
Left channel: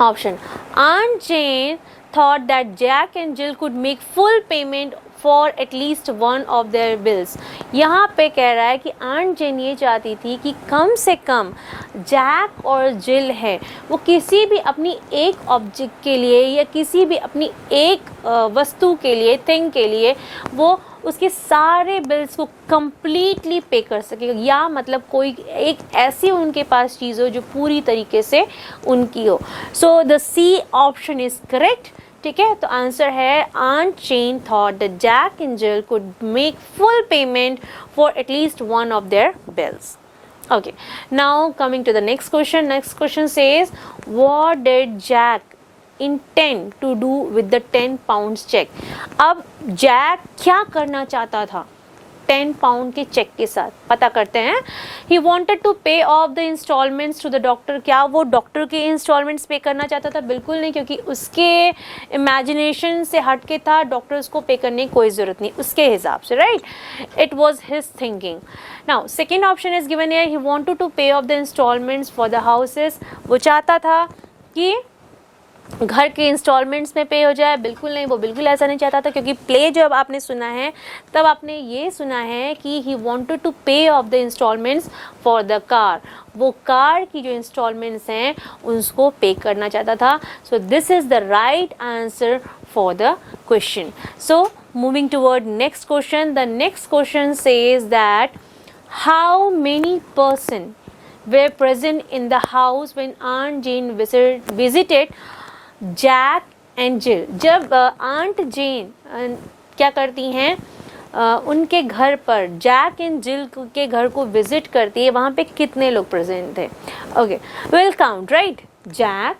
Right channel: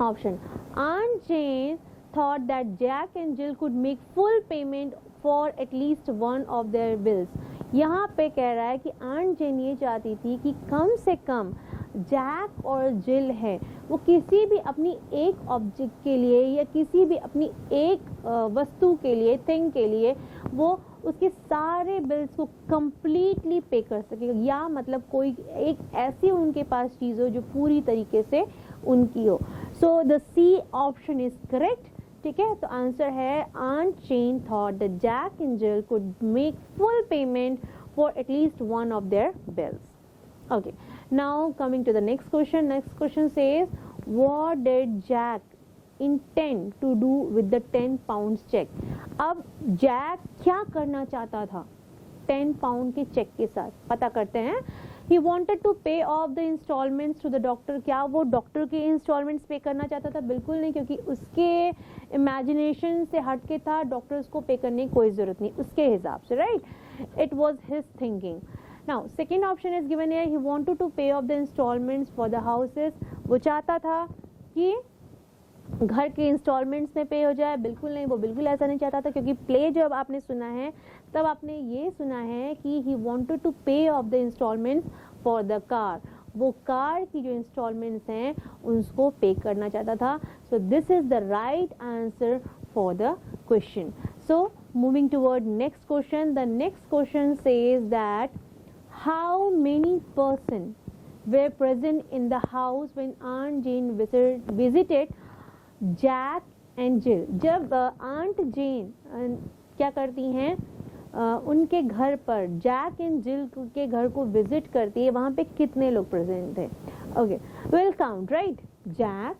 option, aunt Jane thought that Jack and Jill could make full payment for at least one of their bills. यहाँ पे कह रहा है कि आंट जेन ये चाहती थी कि कम से कम जैक और जिल है वो किसी भी अपनी एक ऑब्जेक्ट के लिए या किसी भी अपनी एक वस्तु के लिए, थिंग के लिए, वो उसके सारे बिल्स को कंप्लीटली पे कर सके, या मतलब कोई एक ऐसी उनके पास चीज़ हो जो पूरी तरीके से उनकी हो। So the C option is correct. ठीक है, तो आंसर है aunt Jane thought that Jack and Jill could make full payment for at least one of their bills. Okay, now coming to the next question. Next question says, what did Jack intend to do with the 10 pounds check? अब जैक क्या करना चाहता था 10 पाउंड के चेक के साथ? पता करते हैं। He wanted to pay off the installments to the doctor. क्या वो डॉक्टर के इंस्टॉलमेंट्स पे करना चाहता था? बिल्कुल नहीं, क्योंकि उसके इमेजिनेशन से हट के था, डॉक्टर्स को पे करने की कोई ज़रूरत नहीं उसके हिसाब से, right? It was his thinking. Now second option is given here, he wanted to pay off the installments for the houses. वो चाहता था कि घर के इंस्टॉलमेंट्स में पे हो जाए। बिल्कुल नहीं, वो बिल्कुल ऐसा नहीं चाहता था, क्योंकि प्ले जब आपने सुना है तब आपने ये सुना है कि he wanted to pay off the installments for the car. वो कार की जो इंस्टॉलमेंट्स हैं उसको पे करना चाहता था। So this is the right answer for the question. So moving toward next question. The next question says that how many person were present in the house when Aunt Jane visited Jack and Jill. जब आंट जेन क्या करती हैं उनके घर पर जैक एंड जिल के घर को विजिट करती है, वहाँ पे कितने लोग प्रेजेंट थे? Okay, will count, right? Jack,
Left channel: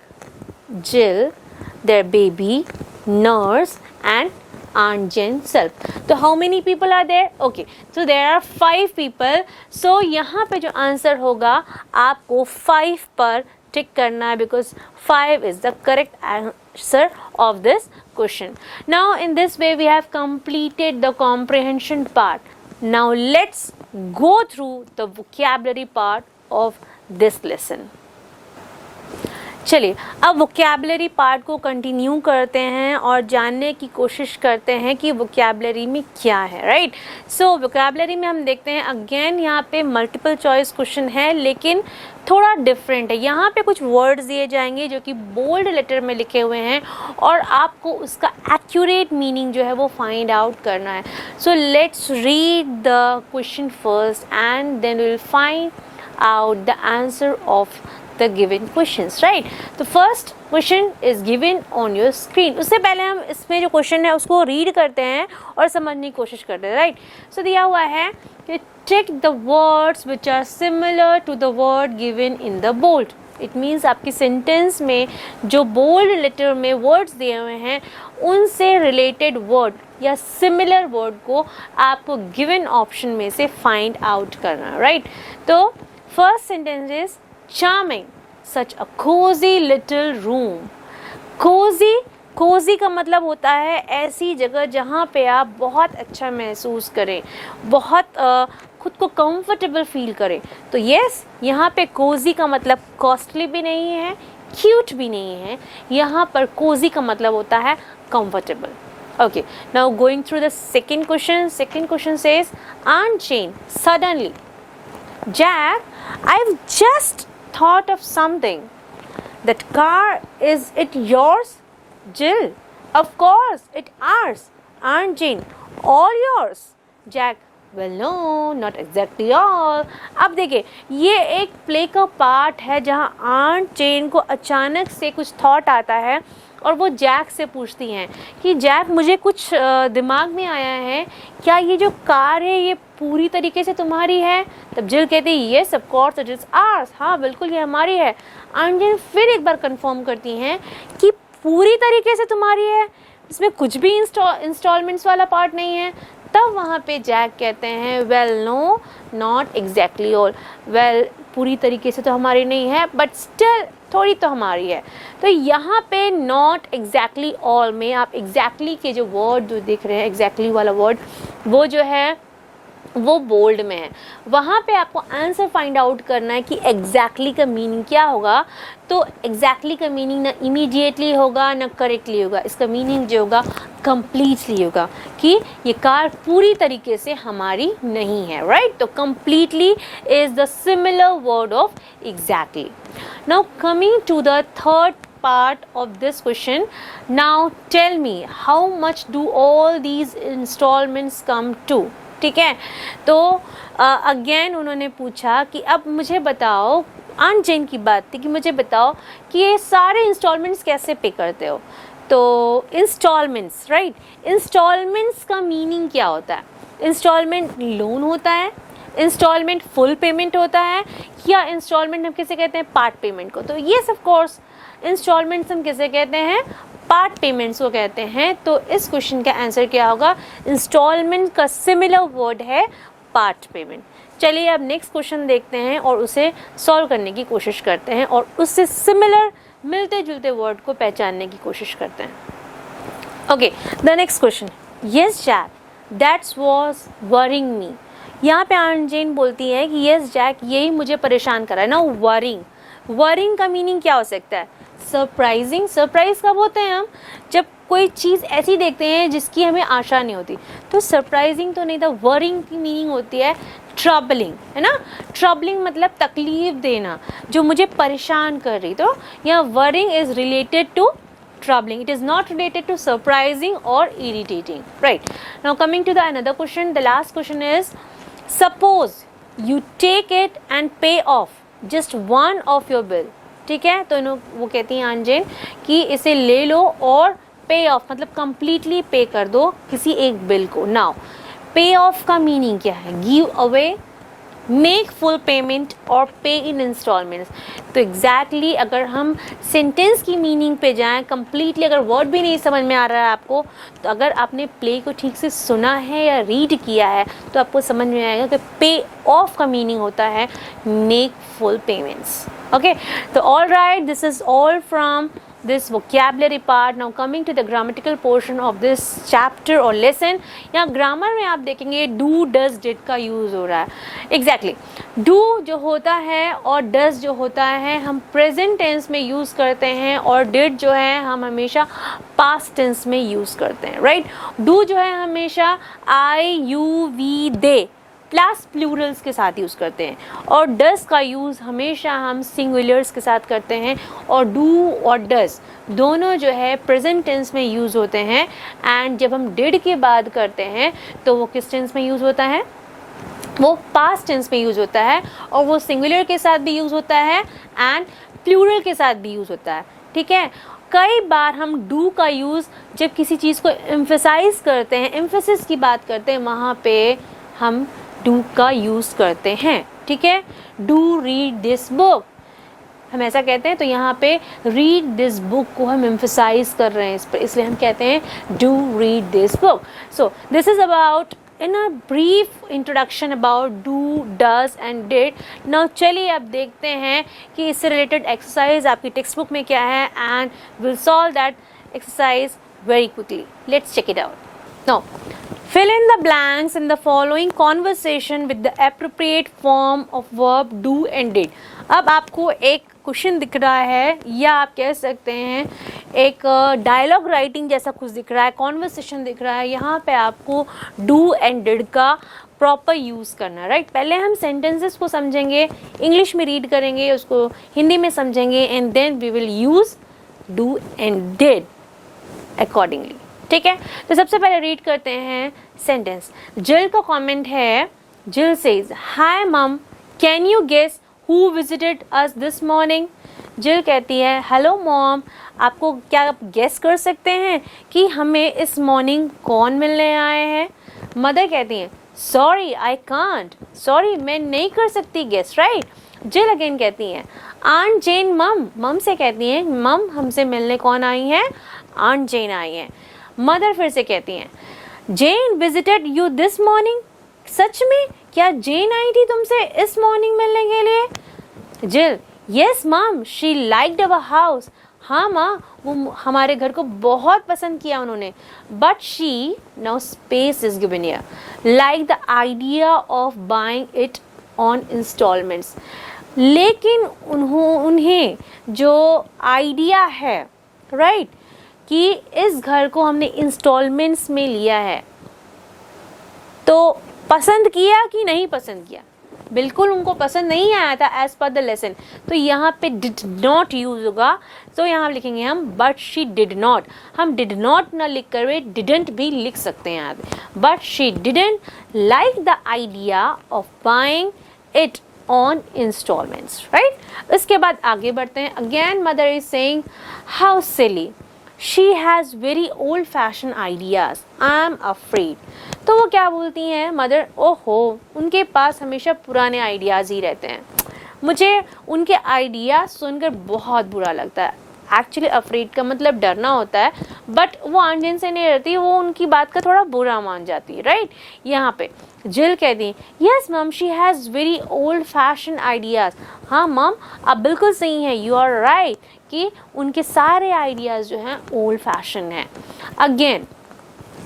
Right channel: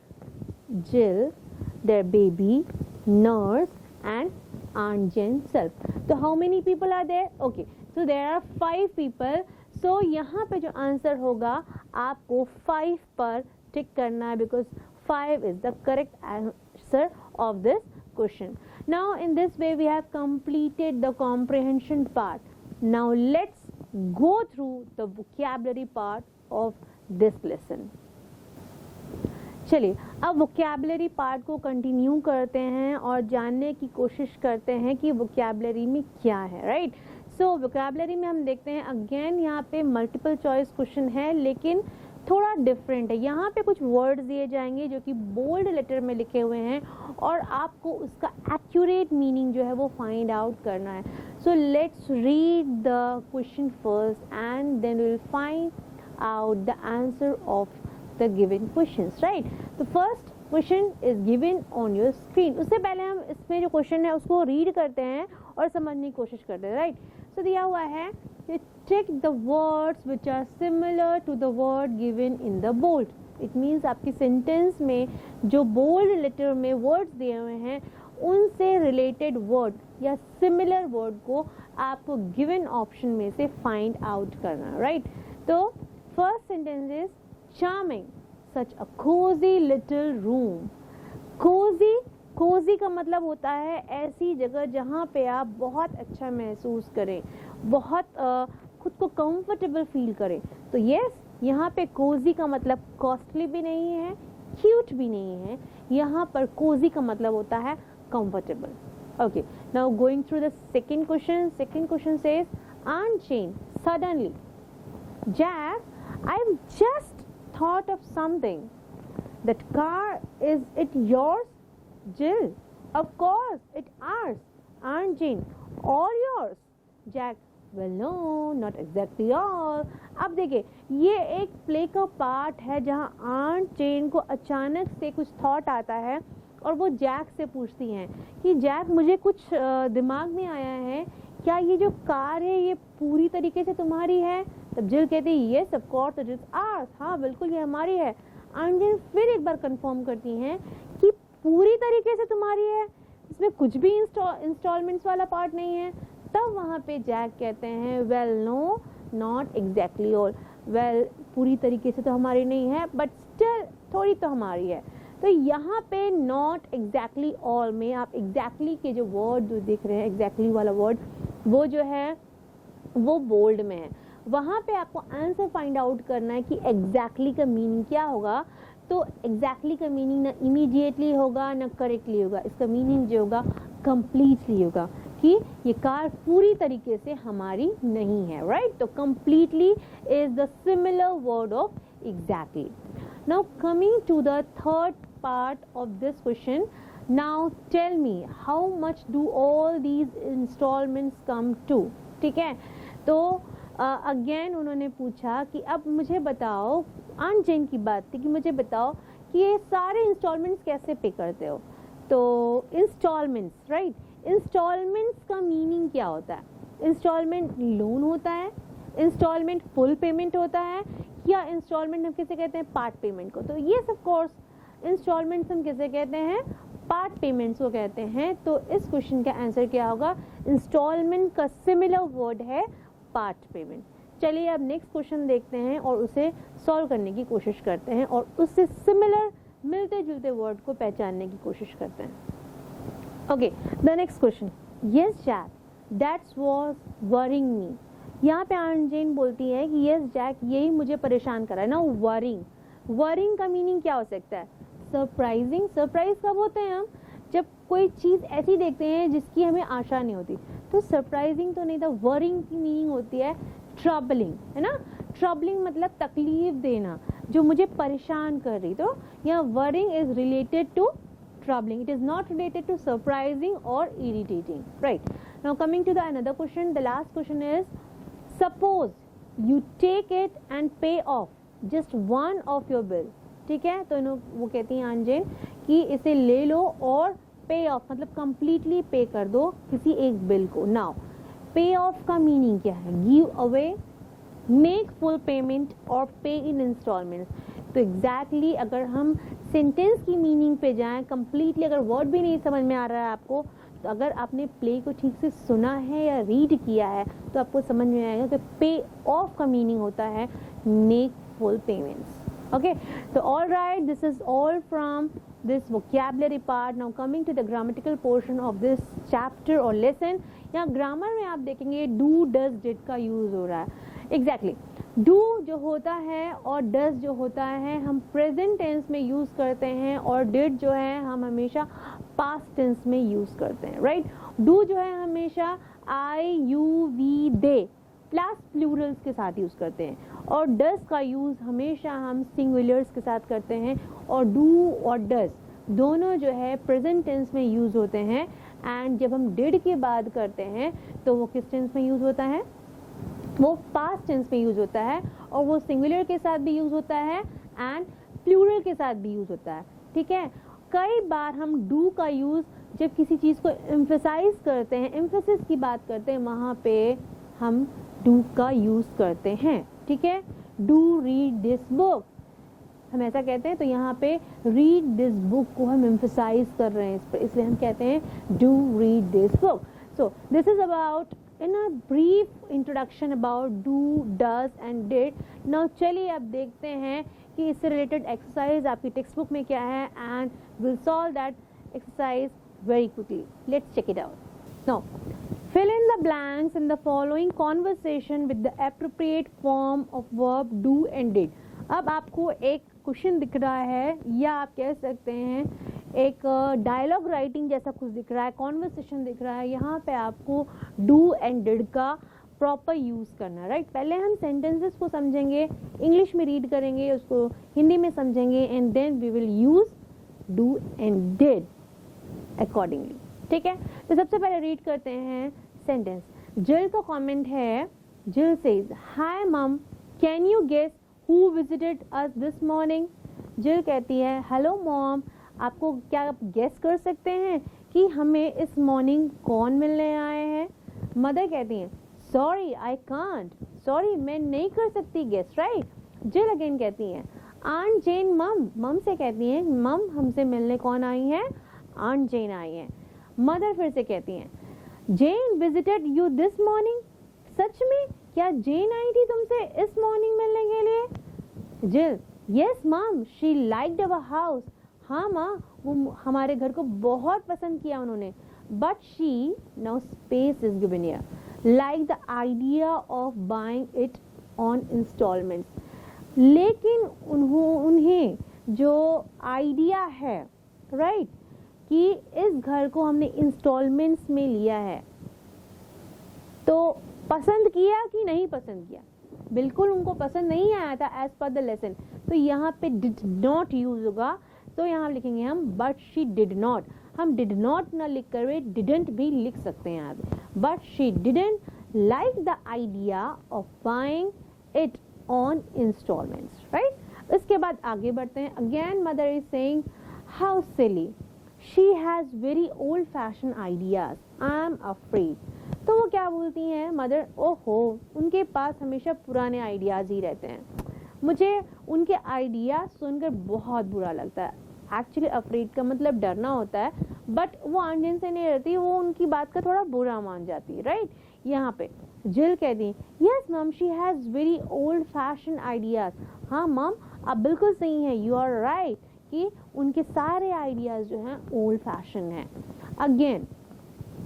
Jill, their baby, nurse and Aunt Jane self. तो how many people are there? Okay, so there are 5 people. So यहाँ पे जो आंसर होगा आपको 5 पर टिक करना है, because 5 is the correct answer of this question. Now in this way we have completed the comprehension part. Now let's go through the vocabulary part of this lesson. चलिए अब वोकैबुलरी पार्ट को कंटिन्यू करते हैं और जानने की कोशिश करते हैं कि वोकैबुलरी में क्या है, राइट। सो वोकैबुलरी में हम देखते हैं अगेन यहाँ पे मल्टीपल चॉइस क्वेश्चन है, लेकिन थोड़ा डिफरेंट है। यहाँ पे कुछ वर्ड्स दिए जाएंगे जो कि बोल्ड लेटर में लिखे हुए हैं और आपको उसका एक्यूरेट मीनिंग जो है वो फाइंड आउट करना है। So let's read the question first and then will find out the answer of the given questions, right? The first question is given on your screen. उससे पहले हम इसमें जो क्वेश्चन है उसको रीड करते हैं और समझने की कोशिश करते हैं, राइट। सो दिया हुआ है कि check the words which are similar to the word given in the bold. It means आपकी सेंटेंस में जो बोल्ड लेटर में वर्ड्स दिए हुए हैं उनसे रिलेटेड वर्ड या सिमिलर वर्ड को आपको गिवन ऑप्शन में से फाइंड आउट करना है, राइट। तो first sentence is charming, such a cosy little room. Cosy का मतलब होता है ऐसी जगह जहाँ पे आप बहुत अच्छा महसूस करें, बहुत खुद को कंफर्टेबल फील करें। तो यस, यहाँ पे कोजी का मतलब कॉस्टली भी नहीं है, क्यूट भी नहीं है। यहाँ पर कोजी का मतलब होता है comfortable. Okay, now going through the second question. Second question says, Aunt Jane, suddenly, Jack, I've just thought of something. That car, is it yours? Jill, of course, it's ours. Aunt Jane, all yours. Jack, well no, not exactly all. अब देखिए, ये एक प्ले का पार्ट है जहाँ आंट जेन को अचानक से कुछ थॉट आता है और वो जैक से पूछती हैं कि जैक, मुझे कुछ दिमाग में आया है, क्या ये जो कार है ये पूरी तरीके से तुम्हारी है? तब जिल कहती है yes of course it is ours, हाँ बिल्कुल ये हमारी है। आंट जेन फिर एक बार कंफर्म करती हैं कि पूरी तरीके से तुम्हारी है, इसमें कुछ भी इंस्टॉलमेंट्स वाला पार्ट नहीं है। तब वहाँ पे जैक कहते हैं well no, not exactly all. Well पूरी तरीके से तो हमारी नहीं है बट स्टिल थोड़ी तो हमारी है। तो यहाँ पे नॉट एग्जैक्टली ऑल में आप एग्जैक्टली के जो वर्ड जो देख रहे हैं, एग्जैक्टली वाला वर्ड वो जो है वो बोल्ड में है। वहाँ पे आपको आंसर फाइंड आउट करना है कि एग्जैक्टली का मीनिंग क्या होगा। तो एग्जैक्टली का मीनिंग ना इमीडिएटली होगा ना करेक्टली होगा, इसका मीनिंग जो होगा कम्प्लीटली होगा कि ये कार पूरी तरीके से हमारी नहीं है, राइट। तो completely is the similar word of exactly. Now coming to the third part of this question, now tell me how much do all these installments come to? ठीक है, तो अगेन उन्होंने पूछा कि अब मुझे बताओ, आंट जेन की बात थी कि मुझे बताओ कि ये सारे इंस्टॉलमेंट्स कैसे पे करते हो। तो इंस्टॉलमेंट्स, राइट, इंस्टॉलमेंट्स का मीनिंग क्या होता है? इंस्टॉलमेंट लोन होता है, इंस्टॉलमेंट फुल पेमेंट होता है, या इंस्टॉलमेंट हम किसे कहते हैं? पार्ट पेमेंट को। तो येस ऑफ कोर्स इंस्टॉलमेंट्स हम किसे कहते हैं? पार्ट पेमेंट्स को कहते हैं। तो इस क्वेश्चन का आंसर क्या होगा? इंस्टॉलमेंट का सिमिलर वर्ड है पार्ट पेमेंट। चलिए अब नेक्स्ट क्वेश्चन देखते हैं और उसे सॉल्व करने की कोशिश करते हैं और उससे सिमिलर मिलते जुलते वर्ड को पहचानने की कोशिश करते हैं। Okay, the next question, yes Jack, that's was worrying me. यहाँ पे आंट जेन बोलती है कि यस जैक, यही मुझे परेशान कर रहा है ना। वरिंग का मीनिंग क्या हो सकता है? सरप्राइजिंग। सरप्राइज कब होते हैं हम? जब कोई चीज़ ऐसी देखते हैं जिसकी हमें आशा नहीं होती। तो सरप्राइजिंग तो नहीं था। वरिंग की मीनिंग होती है ट्रबलिंग, है ना। ट्रबलिंग मतलब तकलीफ देना, जो मुझे परेशान कर रही। तो यहाँ worrying is related to troubling. It is not related to surprising or irritating, right? Now coming to the another question, the last question is, suppose you take it and pay off just one of your bill. ठीक है, तो वो कहती हैं आंट जेन कि इसे ले लो और पे ऑफ मतलब कंप्लीटली पे कर दो किसी एक बिल को। नाउ पे ऑफ का मीनिंग क्या है? Give away, make full payment और पे इन इंस्टॉलमेंट्स। तो एग्जैक्टली अगर हम सेंटेंस की मीनिंग पे जाएं, कंप्लीटली अगर वर्ड भी नहीं समझ में आ रहा है आपको, तो अगर आपने प्ले को ठीक से सुना है या रीड किया है तो आपको समझ में आएगा कि पे ऑफ का मीनिंग होता है मेक फुल पेमेंट्स। ओके, तो all right, this is all from this vocabulary part. Now coming to the grammatical portion of this chapter or lesson. यहाँ grammar में आप देखेंगे do, does, did का use हो रहा है. Exactly. Do जो होता है और does जो होता है हम present tense में use करते हैं, और did जो है हम हमेशा past tense में use करते हैं, right? Do जो है हमेशा I, you, we, they plus Plurals के साथ यूज़ करते हैं, और डस का यूज़ हमेशा हम सिंगुलर्स के साथ करते हैं, और डू और डस दोनों जो है प्रेजेंट टेंस में यूज़ होते हैं. एंड जब हम डिड के बाद करते हैं तो वो किस टेंस में यूज़ होता है? वो पास्ट टेंस में यूज़ होता है, और वो सिंगुलर के साथ भी यूज़ होता है एंड प्लूरल के साथ भी यूज़ होता है. ठीक है. कई बार हम डू का यूज़ जब किसी चीज़ को एम्फेसाइज करते हैं, एम्फेसिस की बात करते हैं, वहाँ पे हम डू का यूज़ करते हैं. ठीक है. डू रीड दिस बुक हम ऐसा कहते हैं, तो यहाँ पे रीड दिस बुक को हम एम्फेसाइज कर रहे हैं इस पर, इसलिए हम कहते हैं do read this book. So this is about in a brief introduction about do, does and did. Now चलिए अब देखते हैं कि इससे रिलेटेड एक्सरसाइज आपकी टेक्स्ट बुक में क्या है, and will solve that exercise very quickly. Let's check it out. Now fill in the blanks in the following conversation with the appropriate form of verb do and did. अब आपको एक क्वेश्चन दिख रहा है, या आप कह सकते हैं एक डायलॉग राइटिंग जैसा कुछ दिख रहा है, कॉन्वर्सेशन दिख रहा है. यहाँ पे आपको डू एंड डिड का प्रॉपर यूज़ करना है, राइट. पहले हम सेंटेंसेस को समझेंगे, इंग्लिश में रीड करेंगे, उसको हिंदी में समझेंगे, and then we will use do and did accordingly. ठीक है. तो सबसे पहले रीड करते हैं सेंटेंस. जिल का कमेंट है. जिल says, hi mum, can you guess who visited us this morning. Jill कहती है, हेलो मॉम, आपको क्या आप गेस कर सकते हैं कि हमें इस मॉर्निंग कौन मिलने आए हैं. मदर कहती हैं, सॉरी आई कांट, सॉरी मैं नहीं कर सकती गेस, राइट. जिल अगेन कहती हैं, आंट जेन मम, मम से कहती हैं, मम हमसे मिलने कौन आई हैं? आंट जेन आई हैं. मदर फिर से कहती हैं, जेन विजिटेड यू दिस मॉर्निंग, सच में क्या जेन आई थी तुमसे इस मॉर्निंग मिलने के लिए. जिल, यस मम, शी लाइक्ड अवर हाउस, हाँ माँ वो हमारे घर को बहुत पसंद किया उन्होंने. But she, now space is given here, like the idea of buying it on instalments. लेकिन उन्हें जो आइडिया है, राइट, कि इस घर को हमने इंस्टॉलमेंट्स में लिया है, तो पसंद किया कि नहीं पसंद किया? बिल्कुल उनको पसंद नहीं आया था एज पर द लेसन. तो यहाँ पे डिड नॉट यूज होगा, तो यहाँ लिखेंगे हम बट शी डिड नॉट. हम डिड नॉट ना लिख कर वे डिडंट भी लिख सकते हैं यहाँ पे. But she didn't like the idea of buying it on installments, right. इसके बाद आगे बढ़ते हैं. Again mother is saying, how silly, she has very old fashion ideas, I am afraid. तो वो क्या बोलती हैं मदर, ओहो उनके पास हमेशा पुराने आइडियाज़ ही रहते हैं, मुझे उनके आइडियाज़ सुनकर बहुत बुरा लगता है. एक्चुअली अफ्रेड का मतलब डरना होता है, बट वो आंट जेन से नहीं रहती, वो उनकी बात का थोड़ा बुरा मान जाती है, राइट. यहाँ पे जिल कहती, यस मम, she has very old fashion ideas. हाँ मम आप बिल्कुल सही हैं, यू आर राइट, कि उनके सारे आइडियाज़ जो हैं ओल्ड फैशन हैं. अगेन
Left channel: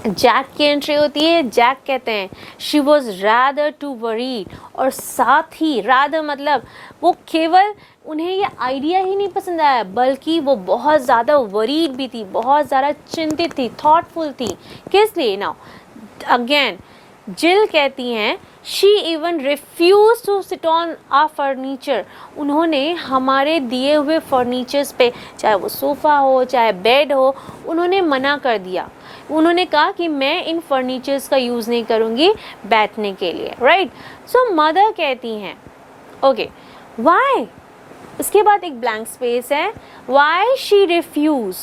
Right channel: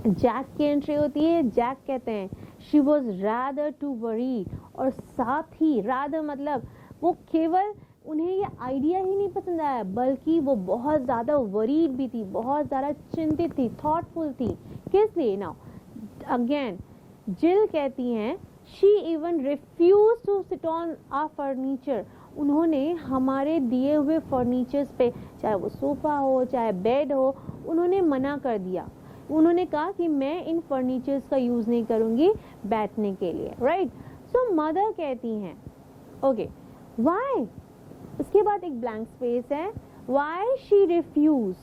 जैक की एंट्री होती है. जैक कहते हैं, she was rather to worried, और साथ ही रादर मतलब वो केवल उन्हें ये आइडिया ही नहीं पसंद आया, बल्कि वो बहुत ज़्यादा वरीड भी थी, बहुत ज़्यादा चिंतित थी, थॉटफुल थी. किस लिए? नाउ अगेन जिल कहती हैं, she even refuse to sit on a furniture. उन्होंने हमारे दिए हुए फर्नीचर्स पे, चाहे वो सोफ़ा हो चाहे बेड हो, उन्होंने मना कर दिया. उन्होंने कहा कि मैं इन फर्नीचर्स का यूज़ नहीं करूँगी बैठने के लिए, राइट. सो मदर कहती हैं, ओके वाई. इसके बाद एक ब्लैंक स्पेस है. Why she refuse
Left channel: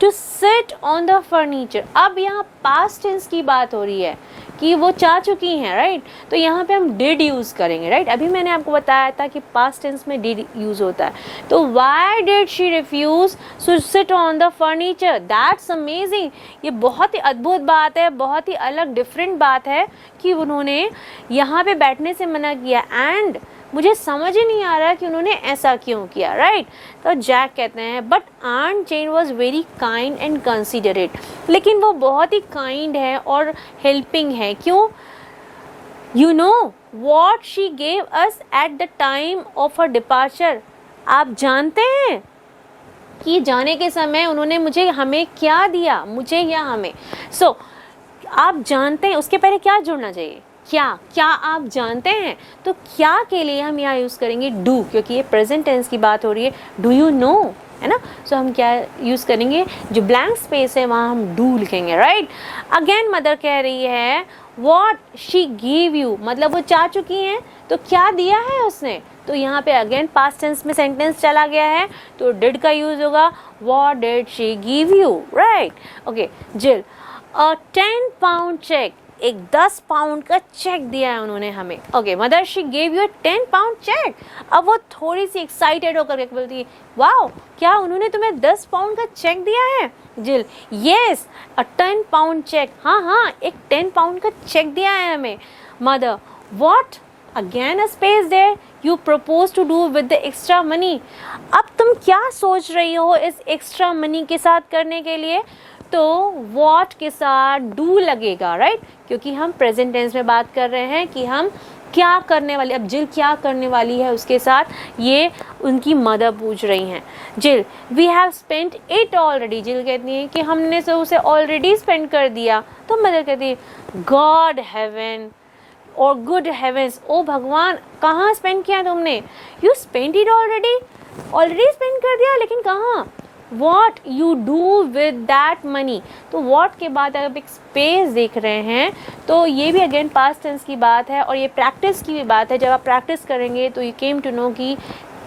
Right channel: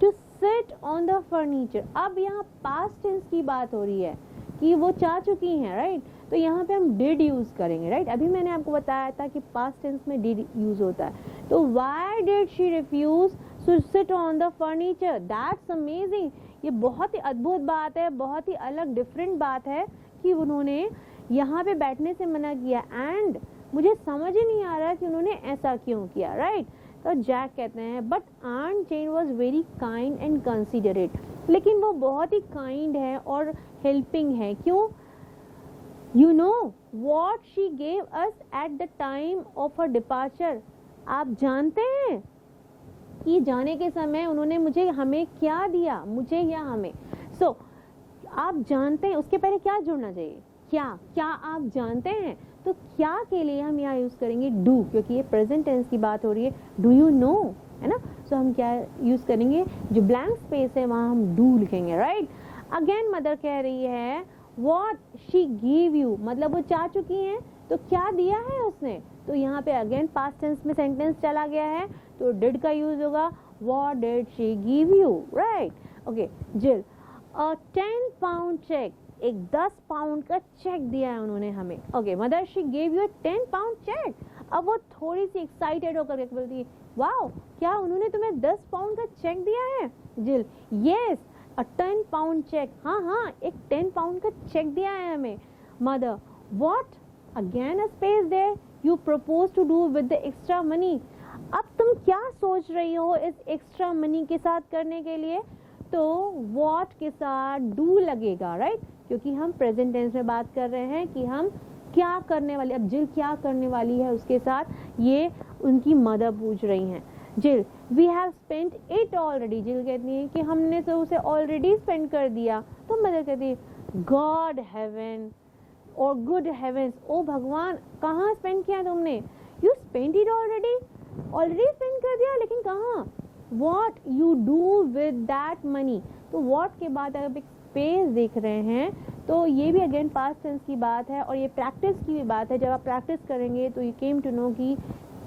to sit on the furniture. अब यहाँ पास्ट टेंस की बात हो रही है कि वो चाह चुकी हैं, राइट. तो यहाँ पे हम डिड यूज़ करेंगे, राइट. अभी मैंने आपको बताया था कि पास्ट टेंस में डिड यूज़ होता है. तो why did she refuse to sit on the furniture. That's amazing. ये बहुत ही अद्भुत बात है, बहुत ही अलग डिफरेंट बात है कि उन्होंने यहाँ पे बैठने से मना किया. एंड मुझे समझ ही नहीं आ रहा कि उन्होंने ऐसा क्यों किया, राइट। तो जैक कहते हैं but aunt Jane was very kind and considerate, लेकिन वो बहुत ही काइंड है और हेल्पिंग है। क्यों? You know what she gave us at the time of her departure, आप जानते हैं कि जाने के समय उन्होंने मुझे हमें क्या दिया, मुझे या हमें। सो आप जानते हैं, उसके पहले क्या जुड़ना चाहिए, क्या आप जानते हैं। तो क्या के लिए हम यहाँ यूज़ करेंगे डू, क्योंकि ये प्रेजेंट टेंस की बात हो रही है। डू यू नो, है ना। सो हम क्या यूज़ करेंगे, जो ब्लैंक स्पेस है वहाँ हम डू लिखेंगे, राइट। अगेन मदर कह रही है वॉट शी गिव यू, मतलब वो जा चुकी हैं तो क्या दिया है उसने। तो यहाँ पे अगेन पास्ट टेंस में सेंटेंस चला गया है तो डिड का यूज होगा, what did she give you, right. Okay जिल, अ 10 पाउंड चेक, एक 10 पाउंड का चेक दिया है उन्होंने हमें। Okay mother she gave you 10 pound cheque. अब वो थोड़ी सी एक्साइटेड होकर के बोलती है वाओ, क्या उन्होंने तुम्हें 10 पाउंड का चेक दिया है। जिल, येस अ 10 पाउंड चेक, हाँ एक 10 पाउंड का चेक दिया है हमें। Mother, what, again a space there, you propose to do with the extra money, अब तुम क्या सोच रही हो इस एक्स्ट्रा मनी के साथ करने के लिए। तो वॉट के साथ डू लगेगा, राइट, क्योंकि हम प्रेजेंट टेंस में बात कर रहे हैं कि हम क्या करने वाले। अब जिल क्या करने वाली है उसके साथ, ये उनकी मदर पूछ रही हैं। Jill, we have spent it already, Jill कहती है कि हमने तो उसे ऑलरेडी स्पेंड कर दिया। तो मदर कहती है गॉड हेवन और गुड हेवेंस, ओ भगवान कहाँ स्पेंड किया तुमने। You spend it already spend कर दिया, लेकिन कहाँ। What you do with that money, तो वॉट के बाद अगर एक स्पेस देख रहे हैं तो ये भी अगेन पास्ट टेंस की बात है और ये प्रैक्टिस की भी बात है। जब आप प्रैक्टिस करेंगे तो यू केम टू नो कि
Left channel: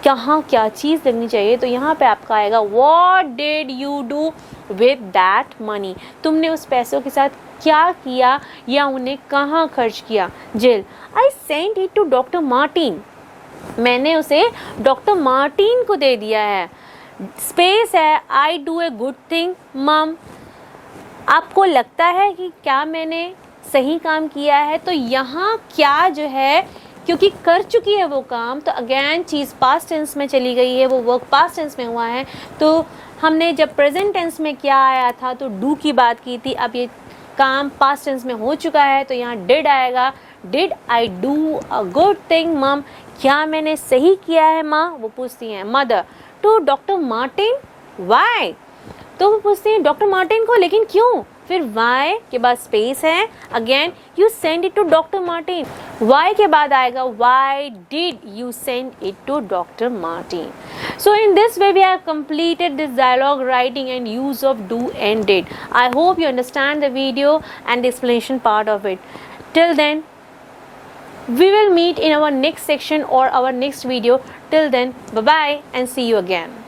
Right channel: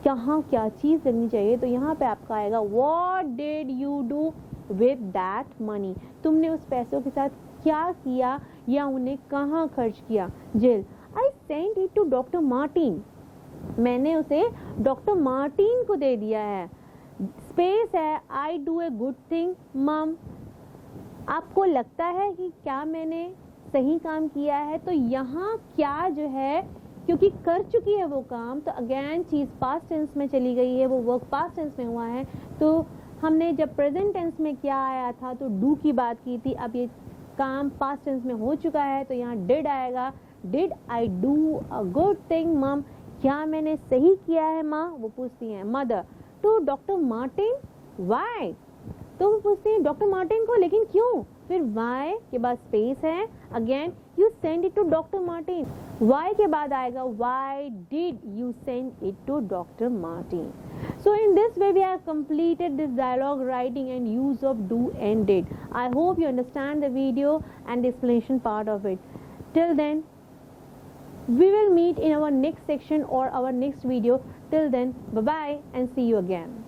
कहाँ क्या चीज़ लगनी चाहिए। तो यहाँ पे आपका आएगा what did you do with that money, तुमने उस पैसों के साथ क्या किया या उन्हें कहाँ खर्च किया। Jill, I sent it to doctor Martin, मैंने उसे डॉक्टर मार्टिन को दे दिया है। स्पेस है, I do a good thing मम, आपको लगता है कि क्या मैंने सही काम किया है। तो यहाँ क्या जो है, क्योंकि कर चुकी है वो काम, तो अगेन चीज़ पास्ट टेंस में चली गई है, वो वर्क पास्ट टेंस में हुआ है। तो हमने जब प्रेजेंट टेंस में क्या आया था तो डू की बात की थी, अब ये काम पास्ट टेंस में हो चुका है तो यहाँ डिड आएगा। Did I do a good thing मम, क्या मैंने सही किया है माँ, वो पूछती हैं। Mother, to doctor Martin, why, तो वो पूछती हैं डॉक्टर मार्टिन को, लेकिन क्यों। फिर वाई के बाद स्पेस है, again you send it to doctor Martin, why के बाद आएगा why did you send it to doctor Martin. So in this way we have completed this dialogue writing and use of do and did. I hope you understand the video and the explanation part of it. Till then, we will meet in our next section or our next video. Till then, bye bye and see you again.